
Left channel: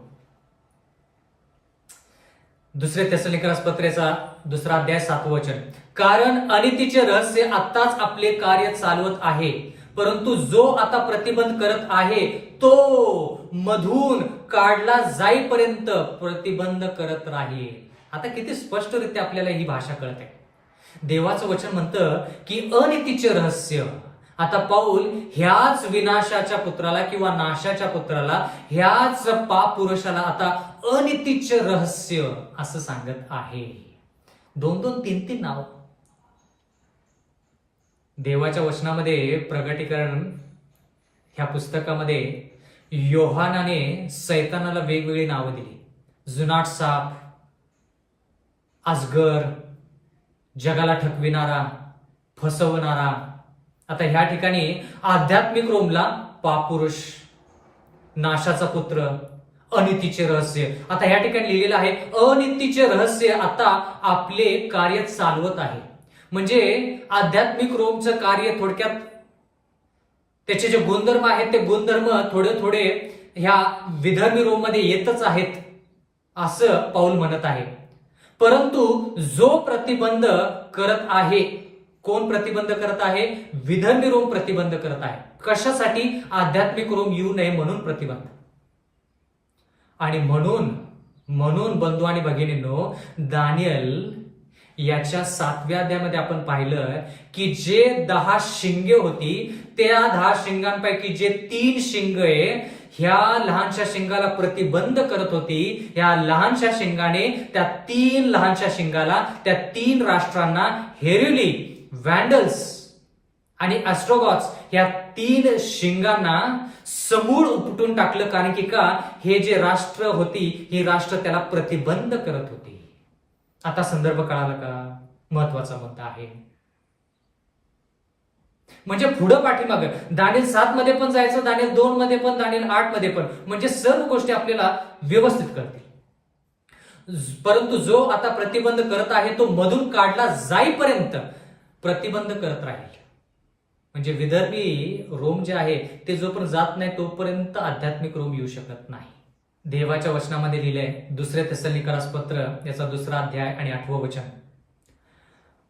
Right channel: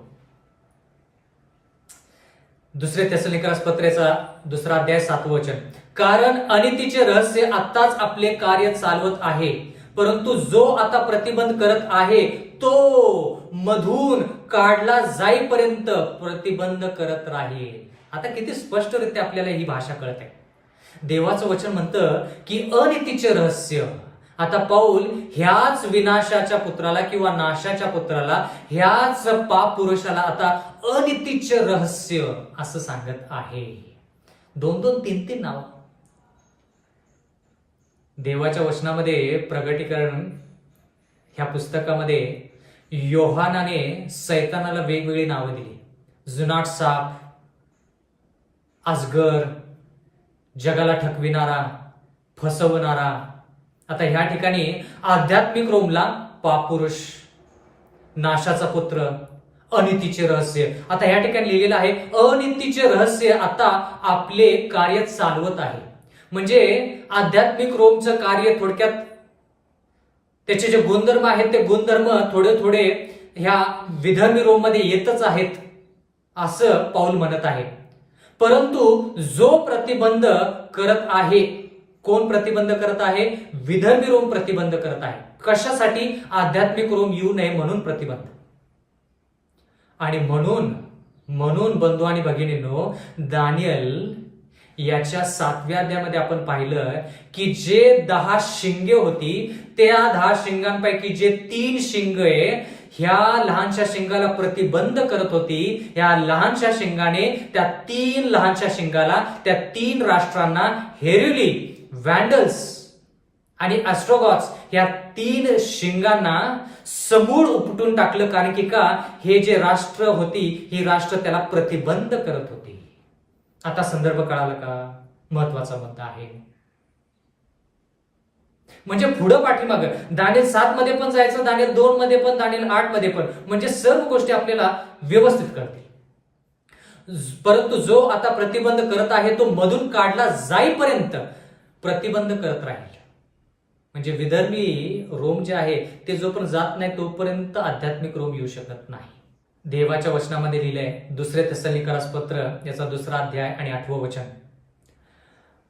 दुसरे थेसलोनिकरास पत्रेचा 2 अध्याय 7 वचन. कारण अनितीचे रहस्य आत्ताच आपले कार्य चालवत आहे, परंतु जो आता प्रतिबंध करत आहे तो मधून काढला जाईपर्यंत प्रतिबंध करत राहील. आता किती स्पष्टरित्या आपल्याला ही भाषा कळत आहे. देवाचं वचन म्हणतं की अनितीचे रहस्य, आता पाऊल ह्याच विनाशाच्या पुत्राला किंवा नाशाच्या पुत्राला, ह्याच पाप पुरुषाला आता अनितीचे रहस्य असं सांगत आहे. 2-2, 3-3 नाव. देवाच्या वचनामध्ये प्रगटीकरण ह्या पुस्तकामध्ये योहानाने सैतानाला वेगवेगळी नावं दिली. जुनाट साप, अजगर, जगाला ठकविणारा, फसवणारा. आता ह्या ठिकाणी आध्यात्मिक रोमला पाप पुरुष, नाशाचा पुत्र, अनितीचे रहस्य. आता ह्या ठिकाणी लिहिलेलं आहे अनितीचे रहस्य आता आपले कार्य चालवत आहे. म्हणजे आध्यात्मिक रोमचं कार्य थोडक्यात त्याचे जे गुणधर्म आहेत ते गुणधर्म थोडे थोडे ह्या विधर्मी रोममध्ये येतच आहेत असं पाऊल म्हणत आहे. परंतु जो प्रतिबंध करत आहे, कोण प्रतिबंध करत आहे? विधर्मी रोम प्रतिबंध करत आहे. कशासाठी? आध्यात्मिक रोम येऊ नये म्हणून प्रतिबंध. आणि म्हणून बंधू आणि भगिनींनो, दानियल याच्या 7व्या अध्यायामध्ये आपण पाहिलं की जे 10 शिंगे होती, त्या 10 शिंगांपैकी जे 3 शिंगे ह्या लहानशा शिंगाला प्रतिबंध करत होती, ह्या लहानशा शिंगाने त्या 3 लहानशा शिंगाला, त्या 3 राष्ट्रांना, हेरेली, वॅन्डल्स आणि ॲस्ट्रोगॉट्स, ह्या 3 शिंगांना समूळ उपटून टाकलं. कारण की का? हे जे राष्ट्र होती, ही राष्ट्र त्याला प्रतिबंध करत होती. आता संदर्भ कळाला का? महत्वाचा मुद्दा आहे. म्हणजे पुढं पाठीमागं दानिएल 7 मध्ये पण जायचं, दानिएल 2 मध्ये पण, दानिएल 8 मध्ये पण, म्हणजे सर्व गोष्टी आपल्याला व्यवस्थित कळतील. परंतु जो आता प्रतिबंध करत आहे तो मधून काढला जाईपर्यंत प्रतिबंध करत राहील. म्हणजे विधर्मी रोम जे आहे ते जोपर्यंत जात नाही तोपर्यंत आध्यात्मिक रोम येऊ शकत नाही. देवाच्या वचनामध्ये लिहिलंय 2 थेसलोनिकरास पत्र याचा 2रा अध्याय आणि 8वं वचन,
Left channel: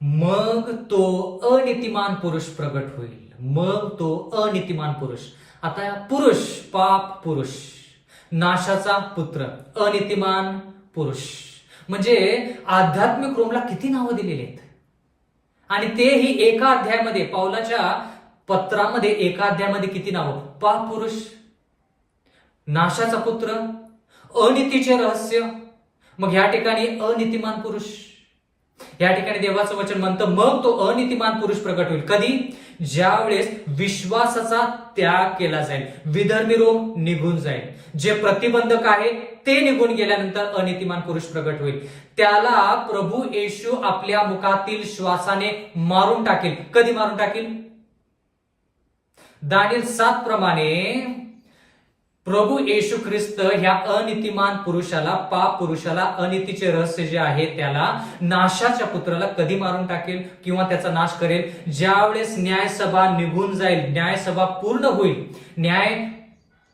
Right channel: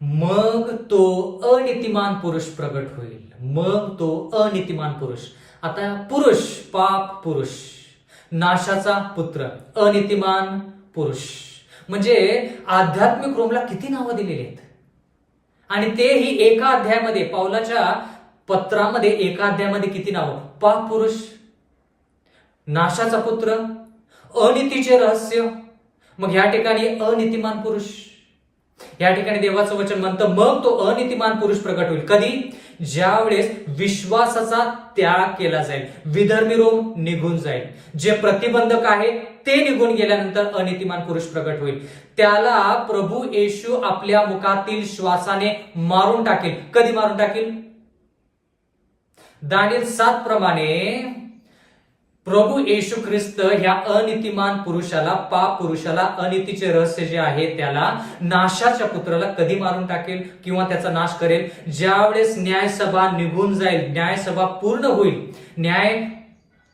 मग तो अनितिमान पुरुष प्रगट होईल. मग तो अनितिमान पुरुष. आता पुरुष, पाप पुरुष, नाशाचा पुत्र, अनितिमान पुरुष. म्हणजे आध्यात्मिक रोमला किती नावं दिलेली आहेत. आणि तेही एका अध्यायामध्ये, पाऊलाच्या पत्रामध्ये एका अध्यायामध्ये किती नावं? पाप पुरुष, नाशाचा पुत्र, अनितीचे रहस्य. मग या ठिकाणी अनितिमान पुरुष. या ठिकाणी देवाचं वचन म्हणतं मग तो अनितिमान पुरुष प्रगट होईल. कधी? ज्यावेळेस विश्वासाचा त्याग केला जाईल, विधर्मी रोम निघून जाईल, जे प्रतिबंधक आहे ते निघून गेल्यानंतर अनितिमान पुरुष प्रगट होईल. त्याला प्रभू येशू आपल्या मुखातील श्वासाने मारून टाकेल. कधी मारून टाकेल? दानिएल 7 प्रमाणे प्रभू येशू ख्रिस्त ह्या अनितिमान पुरुषाला, पाप पुरुषाला, अनितीचे रहस्य जे आहे त्याला, नाशाच्या पुत्राला कधी मारून टाकेल किंवा त्याचा नाश करेल? ज्यावेळेस न्यायसभा निघून जाईल, न्यायसभा पूर्ण होईल, न्याय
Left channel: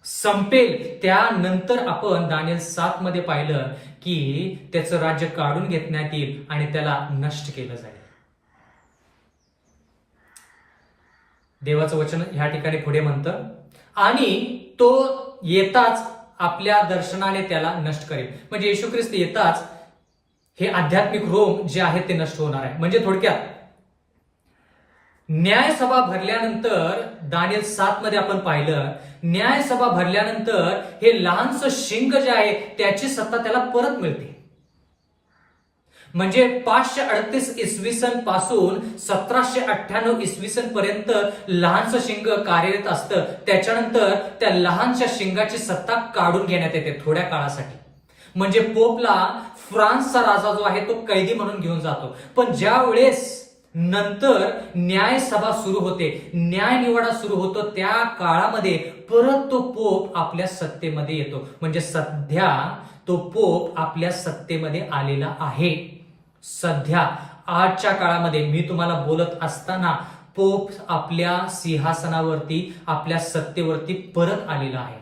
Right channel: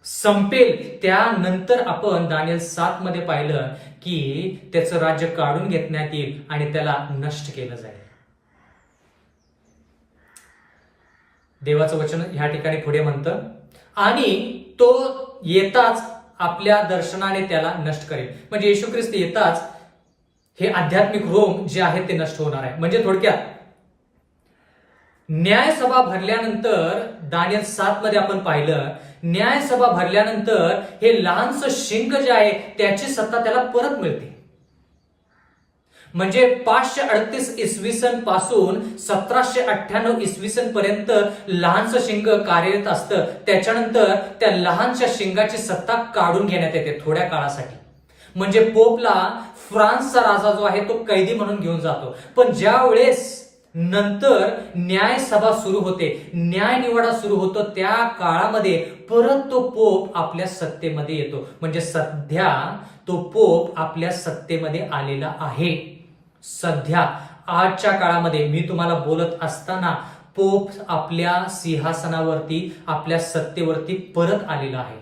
संपेल, त्यानंतर आपण दानिएल 7 मध्ये पाहिलं की त्याचं राज्य काढून घेण्यात येईल आणि त्याला नष्ट केलं जाईल. देवाचं वचन ह्या ठिकाणी पुढे म्हणतं आणि तो येताच आपल्या दर्शनाने त्याला नष्ट करेल. म्हणजे येशू ख्रिस्त येताच हे आध्यात्मिक रोम जे आहे ते नष्ट होणार आहे. म्हणजे थोडक्यात न्यायसभा भरल्यानंतर दानिएल 7 मध्ये आपण पाहिलं, न्यायसभा भरल्यानंतर हे लहानसं शिंग जे आहे त्याची सत्ता त्याला परत मिळते. म्हणजे 538 इसवी सन पासून 1798 इसवी सन पर्यंत लहानसं शिंग कार्यरत असतं. त्याच्यानंतर त्या लहानशा शिंगाची सत्ता काढून घेण्यात येते थोड्या काळासाठी. म्हणजे पोपला फ्रान्सचा राजा जो आहे तो कैदी म्हणून घेऊन जातो. पण ज्या वेळेस नंतर न्यायसभा सुरू होते, न्याय निवाडा सुरू होतो, त्या काळामध्ये परत तो पोप आपल्या सत्तेमध्ये येतो. म्हणजे सध्या तो पोप आपल्या सत्तेमध्ये आलेला आहे. सध्या आजच्या काळामध्ये मी तुम्हाला बोलत असताना पोप आपल्या सिंहासनावरती, आपल्या सत्तेवरती परत आलेला आहे.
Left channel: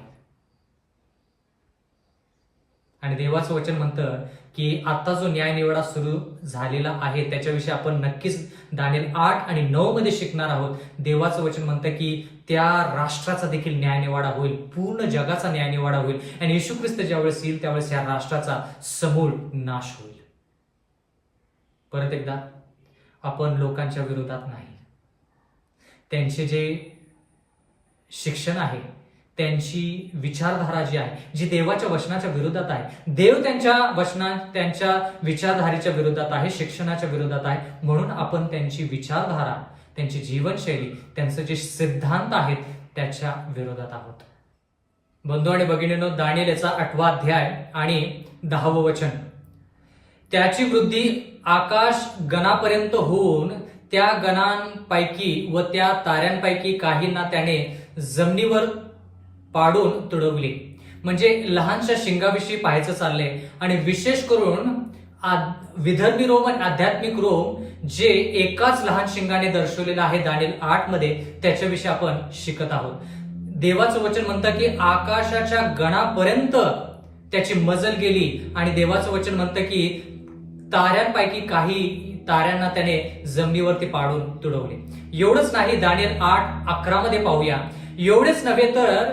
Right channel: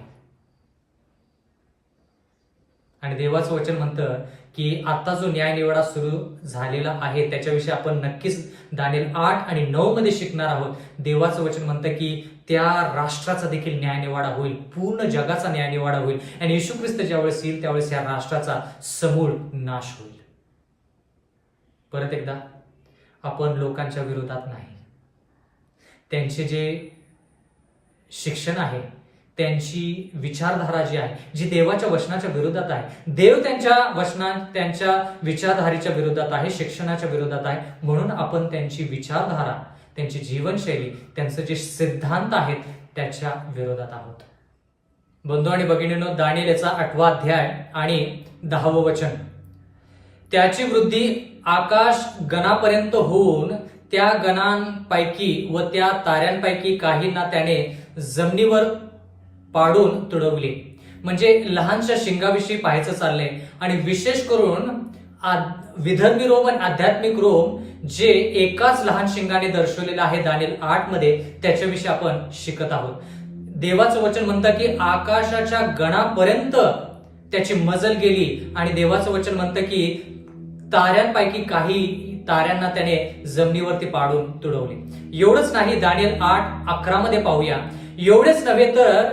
आणि देवाचं वचन म्हणतं की आता जो न्यायनिवाडा सुरू झालेला आहे त्याच्याविषयी आपण नक्कीच दानिएल 8 आणि 9 मध्ये शिकणार आहोत. देवाचं वचन म्हणतं की त्या राष्ट्राचा देखील न्यायनिवाडा होईल, पूर्ण जगाचा न्यायनिवाडा होईल. आणि येशू ख्रिस्त ज्यावेळेस येईल त्यावेळेस या राष्ट्राचा समूळ नाश होईल. परत एकदा, आपण लोकांच्या विरोधात नाही, त्यांचे जे शिक्षण आहे, त्यांची विचारधारा जी आहे, जी देवाच्या वचनाच्या विरोधात आहे, देव त्यांच्या विचारधारेच्या विरोधात आहे, शिक्षणाच्या विरोधात आहे, म्हणून आपण त्यांची विचारधारा, त्यांची जीवनशैली, त्यांचे जे सिद्धांत आहेत त्याच्या विरोधात आहोत. बंधू आणि भगिनींनो, दानिएल याचा 8वा अध्याय आणि 10वं वचन. त्याची वृद्धी आकाश गणापर्यंत होऊन त्या गणांपैकी व त्या ताऱ्यांपैकी काहींना त्याने जमिनीवर पाडून तुडवले. म्हणजे लहानशा शिंगाविषयी पाहायचं चाललंय आणि विशेष करून विधर्मी रोम आणि आध्यात्मिक रोम जे एकाच लहान शिंगाने दर्शवलेलं आहे दानिएल 8 मध्ये, त्याच्याविषयी आपण शिकत आहोत. देवाचं वचन म्हणतं की आकाशाच्या गणापर्यंत त्याची मजल गेली आणि देवाचं वचन म्हणतं की ताऱ्यांपैकी काही ताऱ्यांना त्याने जमिनीवरती पाडून तुडवले. एवढंच नाही, दानिएल 8:11 मध्ये पाहूया. एवढेच नव्हे तर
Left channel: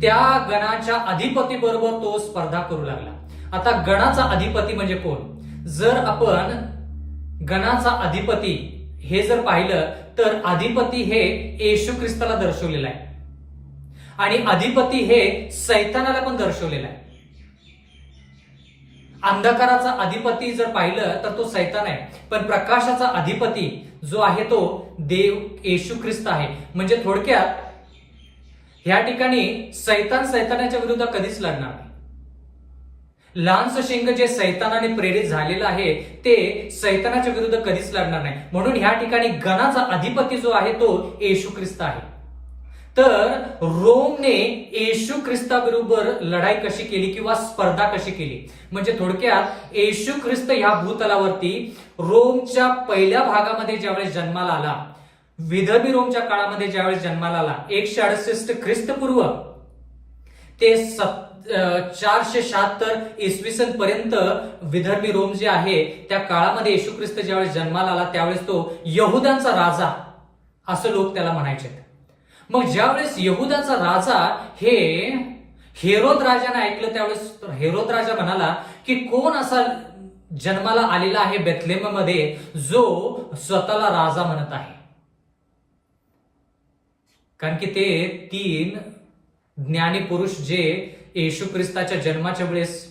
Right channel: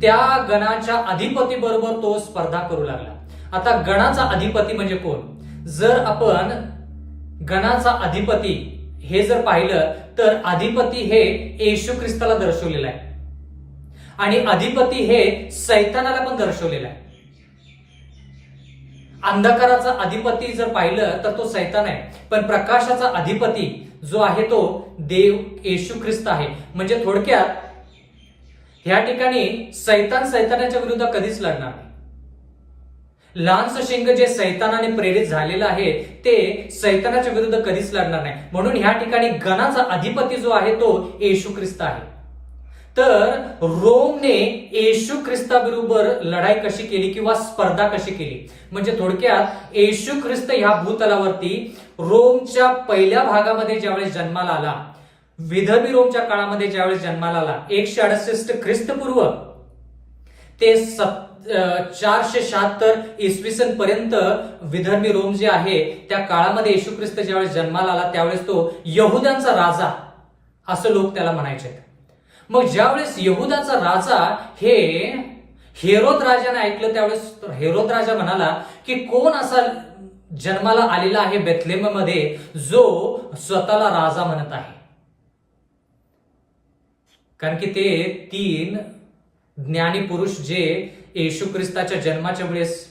त्या गणाच्या अधिपती बरोबर तो स्पर्धा करू लागला. आता गणाचा अधिपती म्हणजे कोण? जर आपण गणाचा अधिपती हे जर पाहिलं तर अधिपती हे येशू ख्रिस्ताला दर्शवलेलं आहे आणि अधिपती हे सैतानाला पण दर्शवलेला आहे. अंधकाराचा अधिपती जर पाहिलं तर तो सैतान आहे, पण प्रकाशाचा अधिपती जो आहे तो देव येशू ख्रिस्त आहे. म्हणजे थोडक्यात ह्या ठिकाणी सैतानाच्या विरुद्ध कधीच लढणार नाही. लहानसं शिंग जे सैतानाने प्रेरित झालेलं आहे ते सैतानाच्या विरुद्ध कधीच लढणार नाही. म्हणून ह्या ठिकाणी गणाचा अधिपती जो आहे तो येशू ख्रिस्त आहे. तर रोमने येशू ख्रिस्ताबरोबर लढाई कशी केली किंवा स्पर्धा कशी केली? म्हणजे थोडक्यात येशू ख्रिस्त ह्या भूतलावरती रोमच्या पहिल्या भागामध्ये ज्यावेळेस जन्माला आला, विधर्मी रोमच्या काळामध्ये ज्यावेळेस जन्माला आला, 168 ख्रिस्तपूर्व ते 476 इसवी सन पर्यंत विधर्मी रोम जे आहे त्या काळामध्ये येशू ख्रिस्त ज्यावेळेस जन्माला आला त्यावेळेस तो यहुद्यांचा राजा असं लोक त्याला म्हणायचे. मग ज्यावेळेस यहुदाचा राजा हे हेरोद राजाने ऐकलं त्यावेळेस हेरोद राजा म्हणाला की कोण असा जन्माला आलेला आहे बेथलेहममध्ये जो स्वतःला राजा म्हणत आहे? कारण की ते 3 ज्ञानी पुरुष जे येशू ख्रिस्ताच्या जन्माच्या वेळेस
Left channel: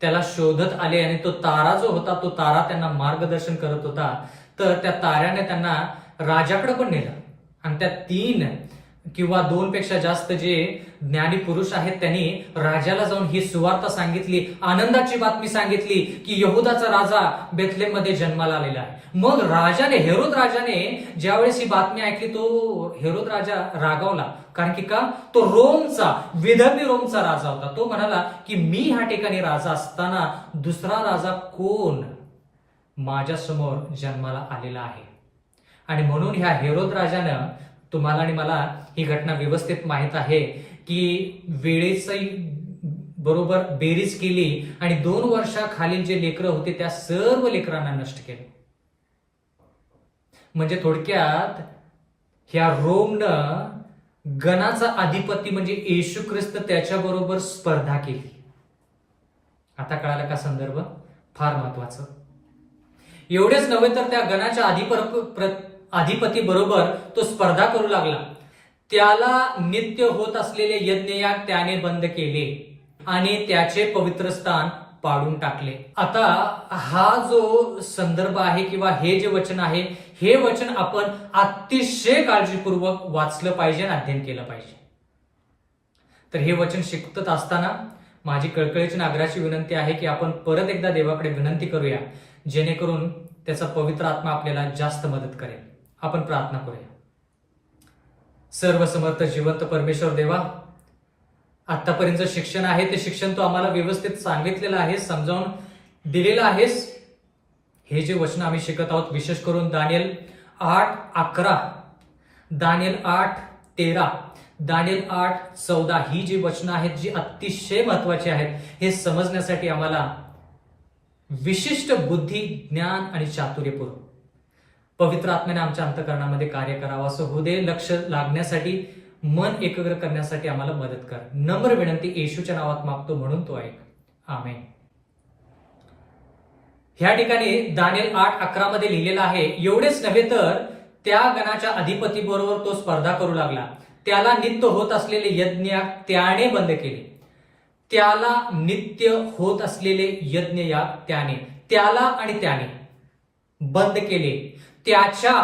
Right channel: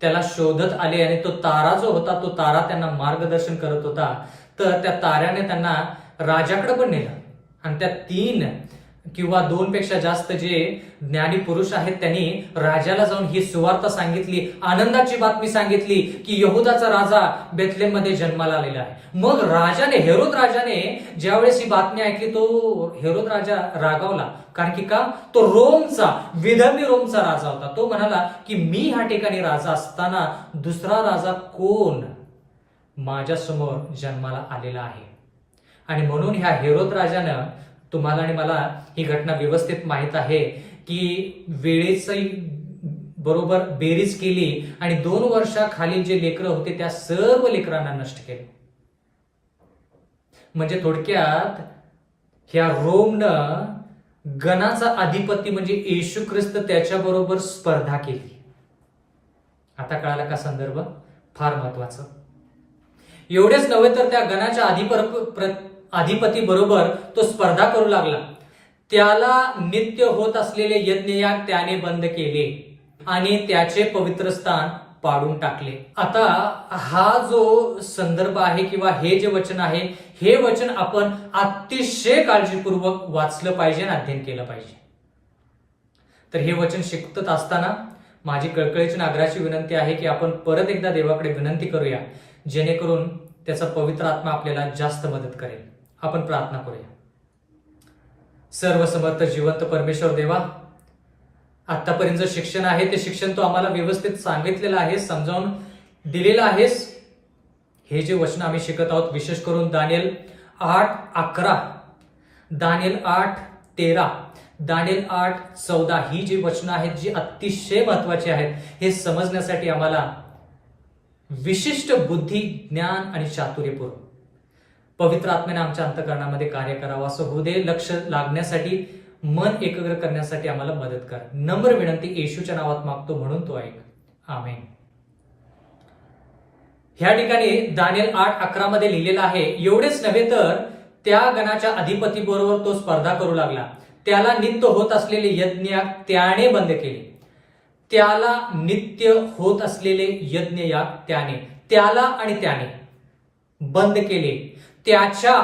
त्याला शोधत आले आणि तो तारा जो होता तो तारा त्यांना मार्गदर्शन करत होता. तर त्या ताऱ्याने त्यांना राजाकडे पण नेलं आणि त्या 3 किंवा 2 पेक्षा जास्त जे ज्ञानी पुरुष आहेत त्यांनी राजाला जाऊन ही सुवार्ता सांगितली, आनंदाची बातमी सांगितली की यहुदाचा राजा बेथलेहममध्ये जन्माला आलेला आहे. मग हेरोद राजाने ज्यावेळेस ही बातमी ऐकली तो हेरोद राजा रागावला. कारण की का? तो विधर्मी रोमचा राजा होता. तो म्हणाला की मी ह्या ठिकाणी राजा असताना दुसरा राजा कोण माझ्या समोर जन्माला आलेला आहे? आणि म्हणून ह्या हेरोद राजानं, तुम्हाला आणि मला ही घटना व्यवस्थित माहित आहे की वेळेची बरोबर बेरीज केली आणि 2 वर्षाखालील जे लेकरं होते त्या सर्व लेकरांना नष्ट केलं. म्हणजे थोडक्यात ह्या रोमनं गणाचा अधिपती म्हणजे येशू ख्रिस्त त्याच्याबरोबर स्पर्धा केली. आता कळाला का संदर्भ? फार महत्वाचं. एवढेच नव्हे तर त्या गणाच्या अधिपती बरोबर तो स्पर्धा करू लागला. त्याला नित्य होत असलेले यज्ञयाग त्याने बंद केले आणि त्याचे पवित्र स्थान पाडून टाकले. आता हा जो संदर्भ आहे किंवा हे जे वचन आहे हे वचन आपण अतिशय काळजीपूर्वक वाचलं पाहिजे आणि अध्ययन केलं पाहिजे. तर हे वचन शिकत असताना माझी कळकळीची आग्रहाची विनंती आहे की आपण परत एकदा देवाकडे विनंती करूया जेणेकरून त्याचा पवित्र आत्मा आपल्याला जास्त मदत करेल. आपण प्रार्थना करूया. सर्व समर्थ जिवंत परमेश्वर देवा, आतापर्यंत जे शिक्षण आहे ते शिक्षण तू आम्हाला व्यवस्थित सांगितलेलं आहे, समजावून दिलेलं आहेस. हे जे वचन आम्ही शिकत आहोत विशेष करून दानिएल 8:11, दानिएल 8:13, दानिएल 8:14 ही जी वचनं आहेत जी अतिशय महत्वाची आहेत, हे समजण्यासाठी आम्हाला विशिष्ट बुद्धी, ज्ञान आणि चातुर्यपूर्व पवित्र आत्म्याने आमच्या अंतःकरणामध्ये कार्य करावं असं होऊ दे. लक्ष लागण्यासाठी, मन एकाग्र करण्यासाठी आम्हाला मदत कर. नम्र विनंती येशूच्या नावात मागतो म्हणून तो ऐक. आमेन. ह्या ठिकाणी दानिएल 8:11 मध्ये लिहिलेलं आहे, एवढेच नव्हे तर त्या गणाच्या अधिपतीबरोबर तो स्पर्धा करू लागला. त्याला नित्य होत असलेले यज्ञयाग त्याने बंद केले. त्याला नित्य होत असलेले यज्ञयाग त्याला आणि त्याने बंद केले. त्याच्या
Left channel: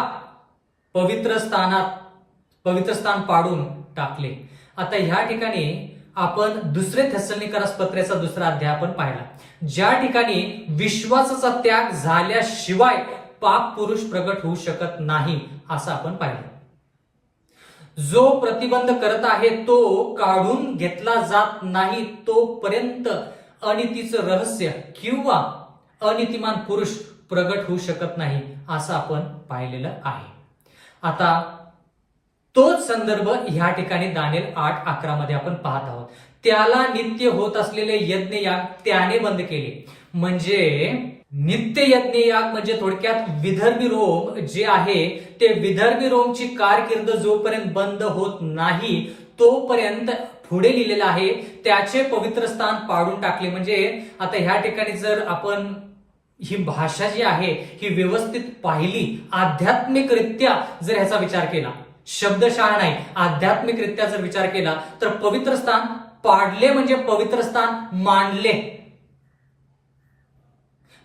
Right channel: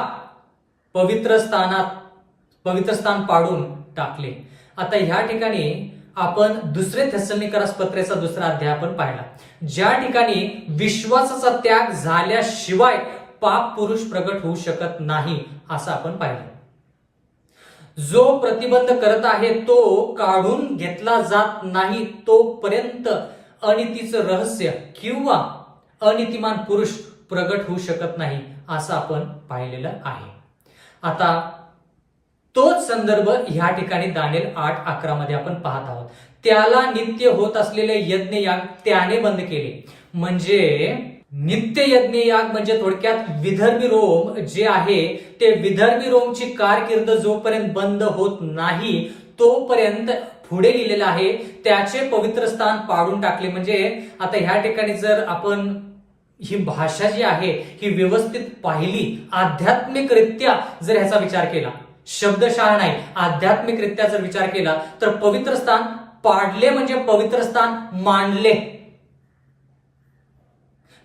पवित्र स्थान पाडून टाकले. आता ह्या ठिकाणी आपण दुसरे थेसलोनिकरास पत्रेचा 2रा अध्याय आपण पाहिला, ज्या ठिकाणी विश्वासाचा त्याग झाल्याशिवाय पाप पुरुष प्रगट होऊ शकत नाही असं आपण पाहिलं. जो प्रतिबंध करत आहे तो काढून घेतला जात नाही तोपर्यंत अनितीचं रहस्य किंवा अनितिमान पुरुष प्रगट होऊ शकत नाही असं आपण पाहिलेलं आहे. आता तोच संदर्भ ह्या ठिकाणी दानिएल 8:11 मध्ये आपण पाहत आहोत. त्याला नित्य होत असलेले यज्ञयाग त्याने बंद केले. म्हणजे नित्य यज्ञयाग म्हणजे थोडक्यात विधर्मी रोम जे आहे ते विधर्मी रोमची कारकीर्द जोपर्यंत बंद होत नाही तोपर्यंत पुढे लिहिलेलं आहे त्याचे पवित्र स्थान पाडून टाकले. म्हणजे आता ह्या ठिकाणी जर आपण ही भाषा जी आहे ही व्यवस्थित पाहिली, आध्यात्मिकरित्या जर ह्याचा विचार केला, शब्दशः नाही आध्यात्मिकरित्या जर विचार केला तर पवित्र स्थान पाडले म्हणजे पवित्र स्थान मांडले.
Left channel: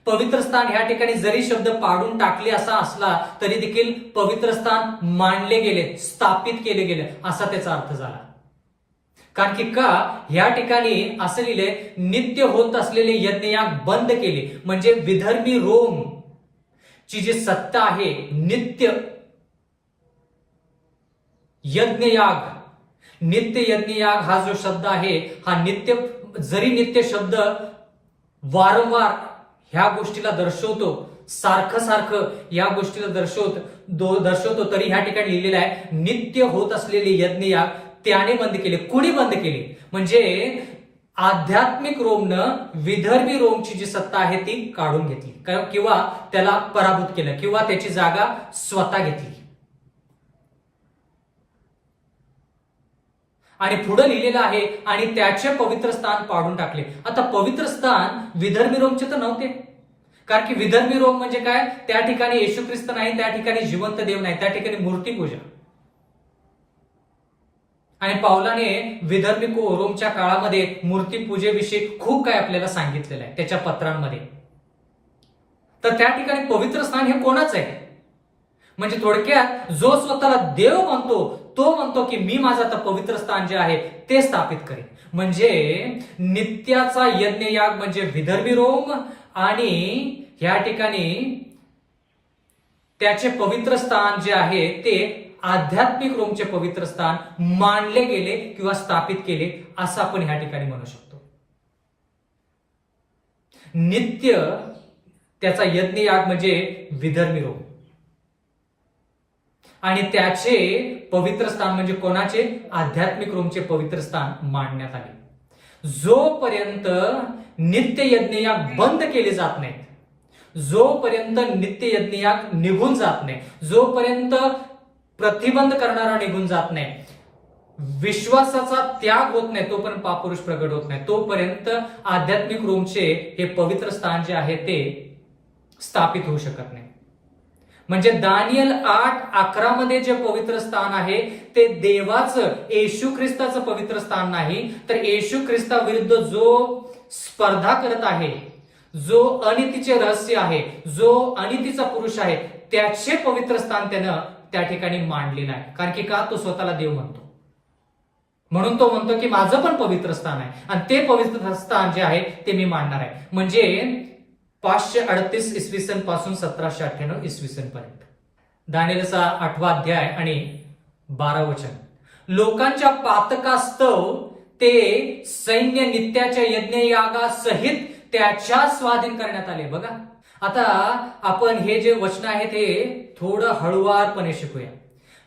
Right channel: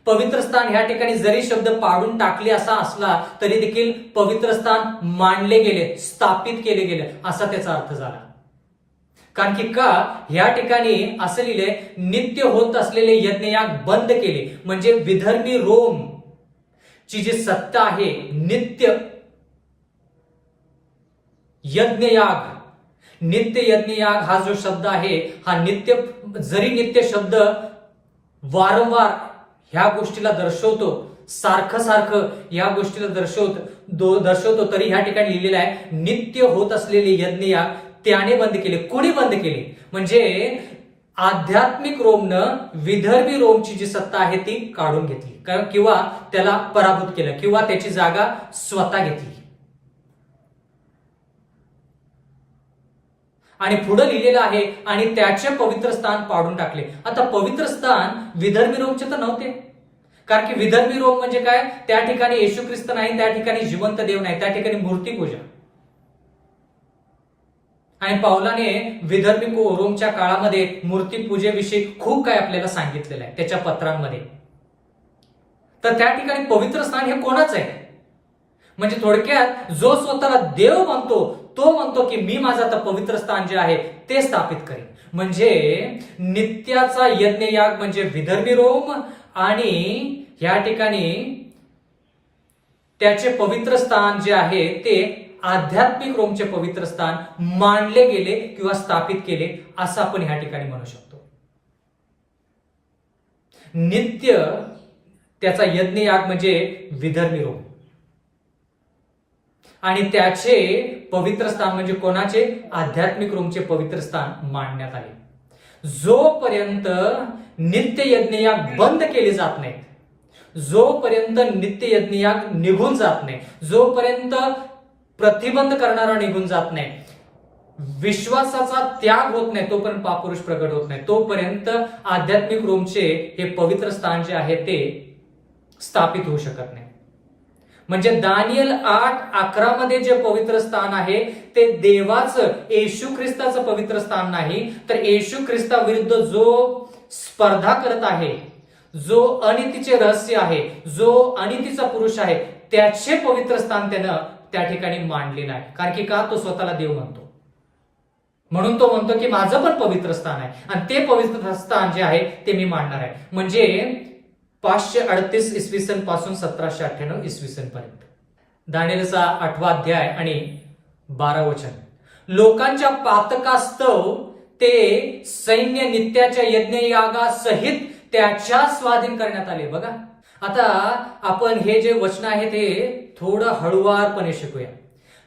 पवित्र स्थान ह्या ठिकाणी जरी शब्द पाडून टाकले असा असला तरी देखील पवित्र स्थान मांडले गेले, स्थापित केले गेले असा त्याचा अर्थ झाला. कारण की का ह्या ठिकाणी असं लिहिले नित्य होत असलेले यज्ञयाग बंद केले. म्हणजे विधर्मी रोम ची जी सत्ता आहे, नित्य यज्ञयाग हा जो शब्द आहे हा नित्य, जरी नित्य शब्द वारंवार ह्या गोष्टीला दर्शवतो, सारखं या गोष्टीला दर्शवतो तरी ह्या ठिकाणी लिहिलेलं आहे नित्य होत असलेले यज्ञयाग त्याने बंद केले. कोणी बंद केले? म्हणजे आध्यात्मिक रोमनं विधर्मी रोमची जी सत्ता आहे ती काढून घेतली किंवा त्याला पराभूत केलं किंवा त्याची जागा स्वतः घेतली. आणि पुढे लिहिलेलं आहे आणि त्याचे पवित्र स्थान पाडून टाकले. आता पवित्र स्थान विधर्मी रोमचे तर नव्हते, कारण की विधर्मी रोम म्हणजे काय, त्या ठिकाणी येशू ख्रिस्त नाही, त्या ठिकाणी जिवंत देव नाही, त्या ठिकाणी मूर्तीपूजा. आणि पावलाने विधर्मी रोमच्या काळामध्ये मूर्तीपूजेविषयी खूप काय आपल्याला सांगितलेलं आहे त्याच्या पत्रांमध्ये. तर त्या ठिकाणी पवित्र स्थान हे कोणाच आहे? म्हणजे थोडक्यात जो स्वतःला देव म्हणतो तो म्हणतो की मी माझं आता पवित्र स्थान जे आहे ते स्थापित करेन. म्हणजे नित्याचा यज्ञयाग म्हणजे विधर्मी रोम आणि या ठिकाणी त्याचे पवित्र स्थान जे आहे ते आध्यात्मिक रोमचे पवित्र स्थान मांडले गेले किंवा स्थापित केले असं आपण ह्या ठिकाणी म्हणू शकतो. नित्य त्याचा यज्ञयाग म्हणजे विधर्मी रोम आणि त्याचे पवित्र स्थान म्हणजे कोणाचे? आध्यात्मिक रोमचे पवित्र स्थान मांडण्यात आले. जोपर्यंत नित्य यज्ञयाग बंद केले जात नाहीत, जोपर्यंत नित्य यज्ञयाग निघून जात नाही, जोपर्यंत प्रतिबंध करणारा निघून जात नाही, विश्वासाचा त्याग होत नाही, तोपर्यंत पापपुरुष प्रगट होत नाही, तोपर्यंत आध्यात्मिक रोमचे हे पवित्र स्थान जे आहे ते स्थापित होऊ शकत नाही. म्हणजे दानिएल 8:11 मध्ये जे पवित्र स्थान आहे ते देवाचं, येशू ख्रिस्ताचं पवित्र स्थान नाही, तर येशू ख्रिस्ताविरुद्ध जो स्पर्धा करत आहे, जो अनितीचे रहस्य आहे, जो अनितीचा पुरुष आहे, त्याचे पवित्र स्थान त्यानं त्या ठिकाणी मांडलेलं आहे. कारण की का? तो स्वतःला देव म्हणतो, म्हणून तो म्हणतो की माझं पण पवित्र स्थान आहे आणि ते पवित्र स्थान जे आहे ते मी मांडणार आहे. म्हणजे 538 इसवी सन पासून 1798 इसवी सन पर्यंत. दानिएलचा 8वा अध्याय आणि 12 वचन. लोकांच्या पातकास्तव ते सैन्य नित्याच्या यज्ञयागासहित त्याच्या स्वाधीन करण्यात आले. बघा, आता आपण हे जे वचन आहे ते थोडं हळुवारपणे शिकूया.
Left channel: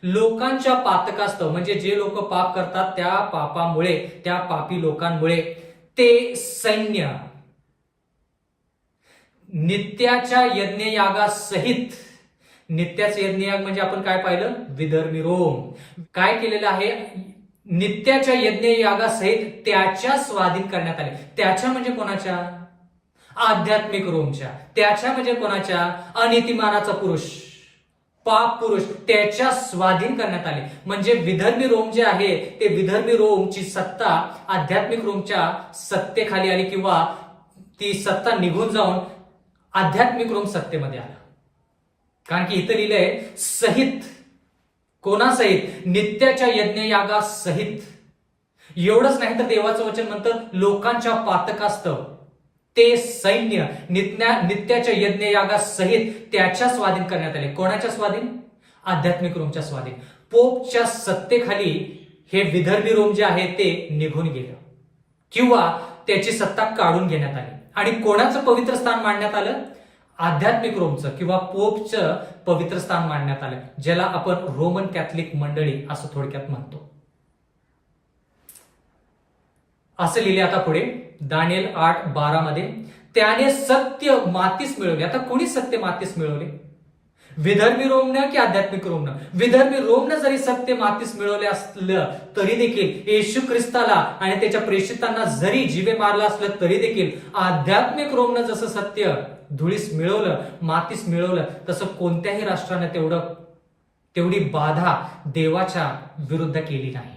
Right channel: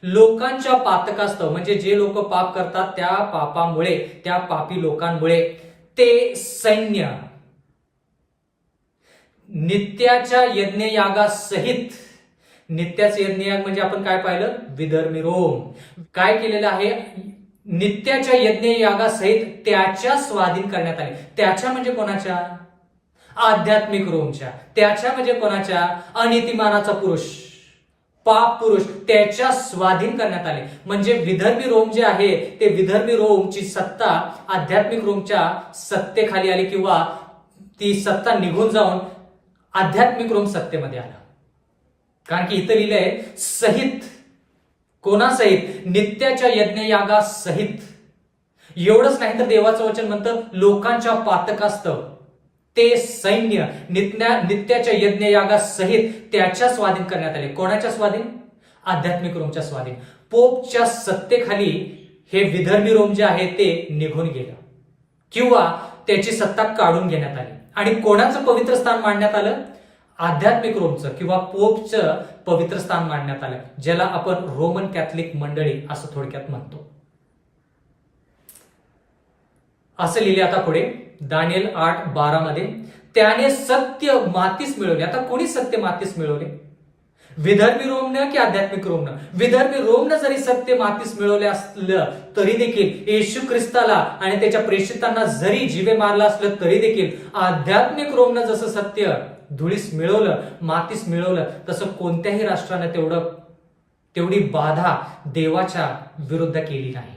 लोकांच्या पातकास्तव म्हणजे जे लोक पाप करतात त्या पापामुळे, त्या पापी लोकांमुळे ते सैन्य नित्याच्या यज्ञयागासहित, नित्याचे यज्ञयाग म्हणजे आपण काय पाहिलं? विधर्मी रोम काय केलेलं आहे? नित्याच्या यज्ञयागासहित त्याच्या स्वाधीन करण्यात आले. त्याच्या म्हणजे कोणाच्या? आध्यात्मिक रोमच्या. त्याच्या म्हणजे कोणाच्या? अनितिमानाचा पुरुष, पाप पुरुष त्याच्या स्वाधीन करण्यात आले. म्हणजे विदर्भी रोम जे आहे ते विदर्भी रोमची सत्ता आध्यात्मिक रोमच्या सत्तेखाली आली, किंवा ती सत्ता निघून जाऊन आध्यात्मिक रोम सत्तेमध्ये आला. कारण की इथं लिहिलंय सहित, कोणासहित? नित्याच्या यज्ञयागासहित. एवढंच नाही तर देवाचं वचन म्हणतं लोकांच्या पातकास्तव ते सैन्य नित्याच्या यज्ञयागासहित त्याच्या स्वाधीन करण्यात आले. कोणाच्या स्वाधीन? आध्यात्मिक रोमच्या स्वाधीन. पोपच्या सत्तेखाली हे विदर्भी रोम जे आहे ते निघून गेलं, किंवा त्याची सत्ता काढून घेण्यात आली. आणि कोणाचं पवित्र स्थान मांडण्यात आलं? आध्यात्मिक रोमचं किंवा पोपचं पवित्र स्थान मांडण्यात आलं, ज्याला आपण रोमन कॅथलिक मंडळी असं थोडक्यात म्हणतो. असं लिहिले आता पुढे दानिएल 8:12 मध्ये, त्याने सत्य मातीस मिळवले. आता कोणी सत्य मातीस मिळवले? विदर्भी रोमनं की आध्यात्मिक रोमनं? विदर्भी रोमनं जरी सत्य मातीस मिळवले असलं तरी देखील, येशू ख्रिस्ताला आणि त्याच्या प्रेषितांना जरी जीवे मारला असलं तरी देखील, आध्यात्मिक रोमनं जसं सत्य धुळीस मिळवलं, मातीस मिळवलं, तसं कोणत्याही राष्ट्रानं तेवढी बाधा देवाच्या विरुद्ध केली नाही.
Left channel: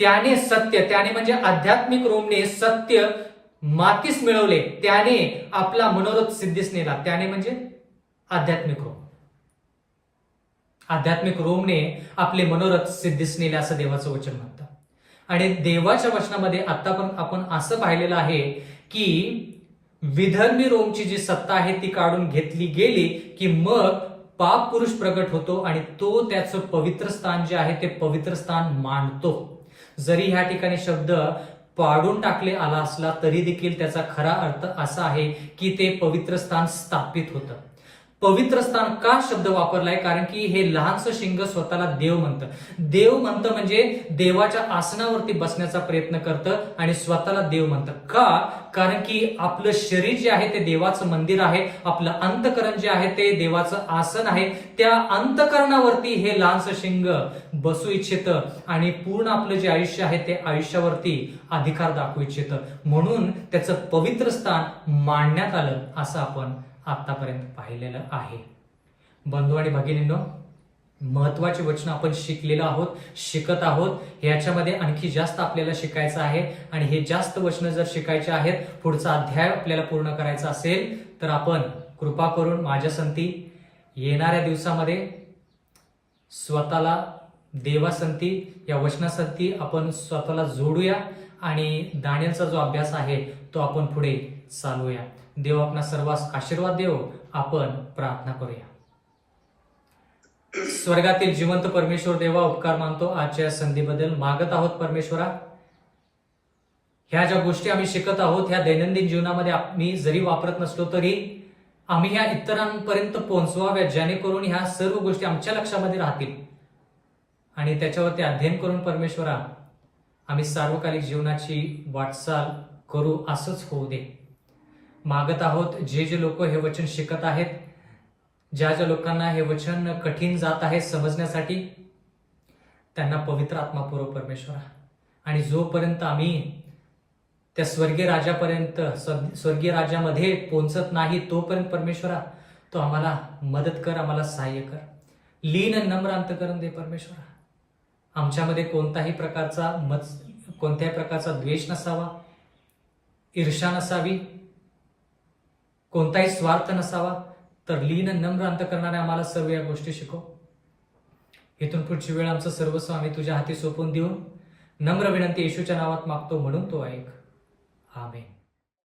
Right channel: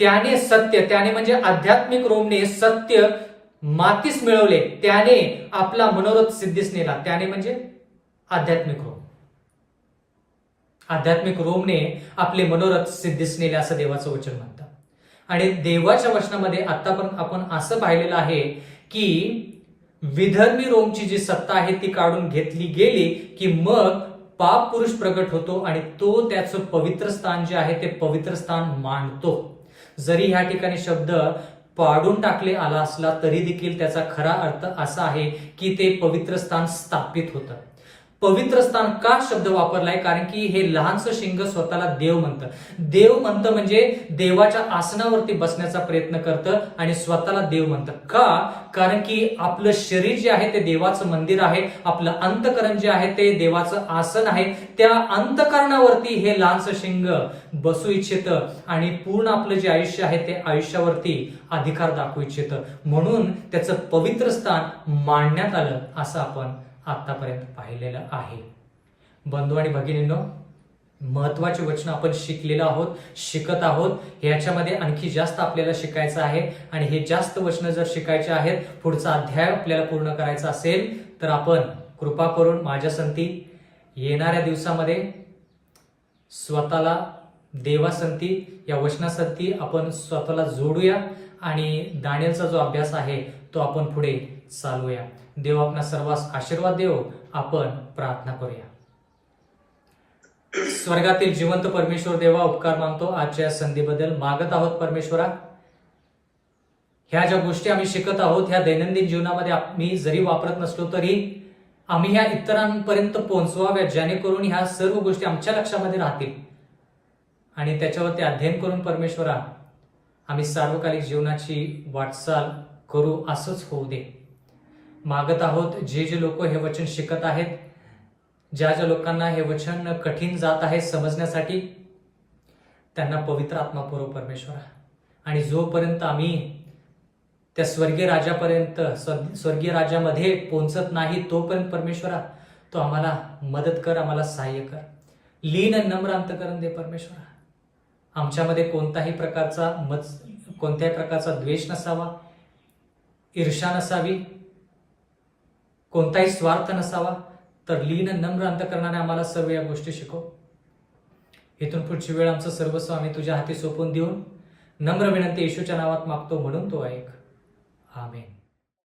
त्याने म्हणजे आध्यात्मिक रोमने सत्य मातीस मिळवले, त्याने आपला मनोरथ सिद्धीस नेला. त्याने म्हणजे आध्यात्मिक रोम. आध्यात्मिक रोमने आपले मनोरथ सिद्धीस नेले असं देवाचं वचन म्हणतं. आणि देवाच्या वचनामध्ये आतापर्यंत आपण असं पाहिलेलं आहे की विदर्भी रोमची जी सत्ता आहे ती काढून घेतली गेली की मग पाप पुरुष प्रगट होतो आणि तो त्याचं पवित्र स्थान जे आहे ते पवित्र स्थान मांडतो. जरी ह्या ठिकाणी शब्द पाडून टाकले आला असला तरी देखील त्याचा खरा अर्थ असा आहे की ते पवित्र स्थान स्थापित होतं. पवित्र स्थान का शब्द वापरलाय? कारण की हे लहानसं शिंग स्वतःला देव म्हणतं. देव म्हणतं म्हणजे देवाच्या आसनावरती बसण्याचा प्रयत्न करतं आणि स्वतःला देव म्हणतं. का? कारण की आपलं शरीर जे आहे ते देवाचं मंदिर आहे, आपलं अंतकरण जे आहे ते देवाचं आसन आहे. त्या अंतकरणावरती हे लहानसं शिंग बसू इच्छितं आणि पूर्ण आपलं जे आयुष्य आहे ते आयुष्यावरती अधिकार दाखवू इच्छितं. म्हणून त्याचं पवित्र स्थान मांडण्यात आलं असं आपण आतापर्यंत पाहिलेलं आहे. बंधू आणि भगिनींनो, महत्वाची वचनं आपण शिकलेलो आहोत, शिकत आहोत. ह्याच्यामध्ये आणखी जास्त आपल्याला शिकायचं आहे आणि हे जास्त वचनं जर शिकायचे आहेत, पुढचा अध्याय आपल्याला पूर्ण करायचा असेल तर आपण कृपा करून माझ्या संगती येणाऱ्या दिवसामध्ये स्वतःला देवासंगती, या वचनासंगती आपण स्वतःला जोडूया आणि दानिएलचा जो अभ्यास आहे तो आपण पुढे चालूया. देव आपणा सर्वांस आशीर्वाद देव. आपण प्रार्थना करूया. स्वर्गातील जिवंत परमेश्वर देवा, उपकार मानतो आजच्या संधीबद्दल. मागत आहोत परमेश्वरा, ह्या ज्या गोष्टी आम्ही शिकत आहोत ह्या दैनंदिन जीवनामध्ये आम्ही जरी वापरत नसलो तरी आम्ही ह्या इतरांपर्यंत पोहोचवाव्या, जेणेकरून ह्या सर्व गोष्टी आमच्या लक्षामध्ये राहतील आणि त्याच्यावरती अध्ययन करून परमेश्वरा आम्ही सार्वकालिक जीवनाची वाटचाल करू, असंच होऊ दे. मागत आहोत जे लोक हे वचन शिकत आहेत, ज्या लोकांना हे वचन कठीण जात आहे समजण्यासाठी, त्यांना पवित्र आत्मा पुरव परमेश्वरा. आणि जोपर्यंत आम्ही त्या स्वर्गीय राजापर्यंत, स्वर्गीय राजामध्ये पोहोचत नाही तोपर्यंत परमेश्वरा तो आम्हाला मदत कर, आम्हाला सहाय्य कर. लीन नम्र अंतकरण दे परमेश्वरा. आमच्यामध्ये कोणत्याही प्रकारचा द्वेष नसावा, ईर्ष्या नसावी, कोणताही स्वार्थ नसावा. तर लीन नम्र अंतकरणाने आम्हाला सर्व या गोष्टी शिकव. इथून पुढची वेळ आमचं सर्वस्व आम्ही तुझ्या हाती सोपवून देऊन नम्र विनंती येशूच्या नावात मागतो, म्हणून तो ऐक. आमेन.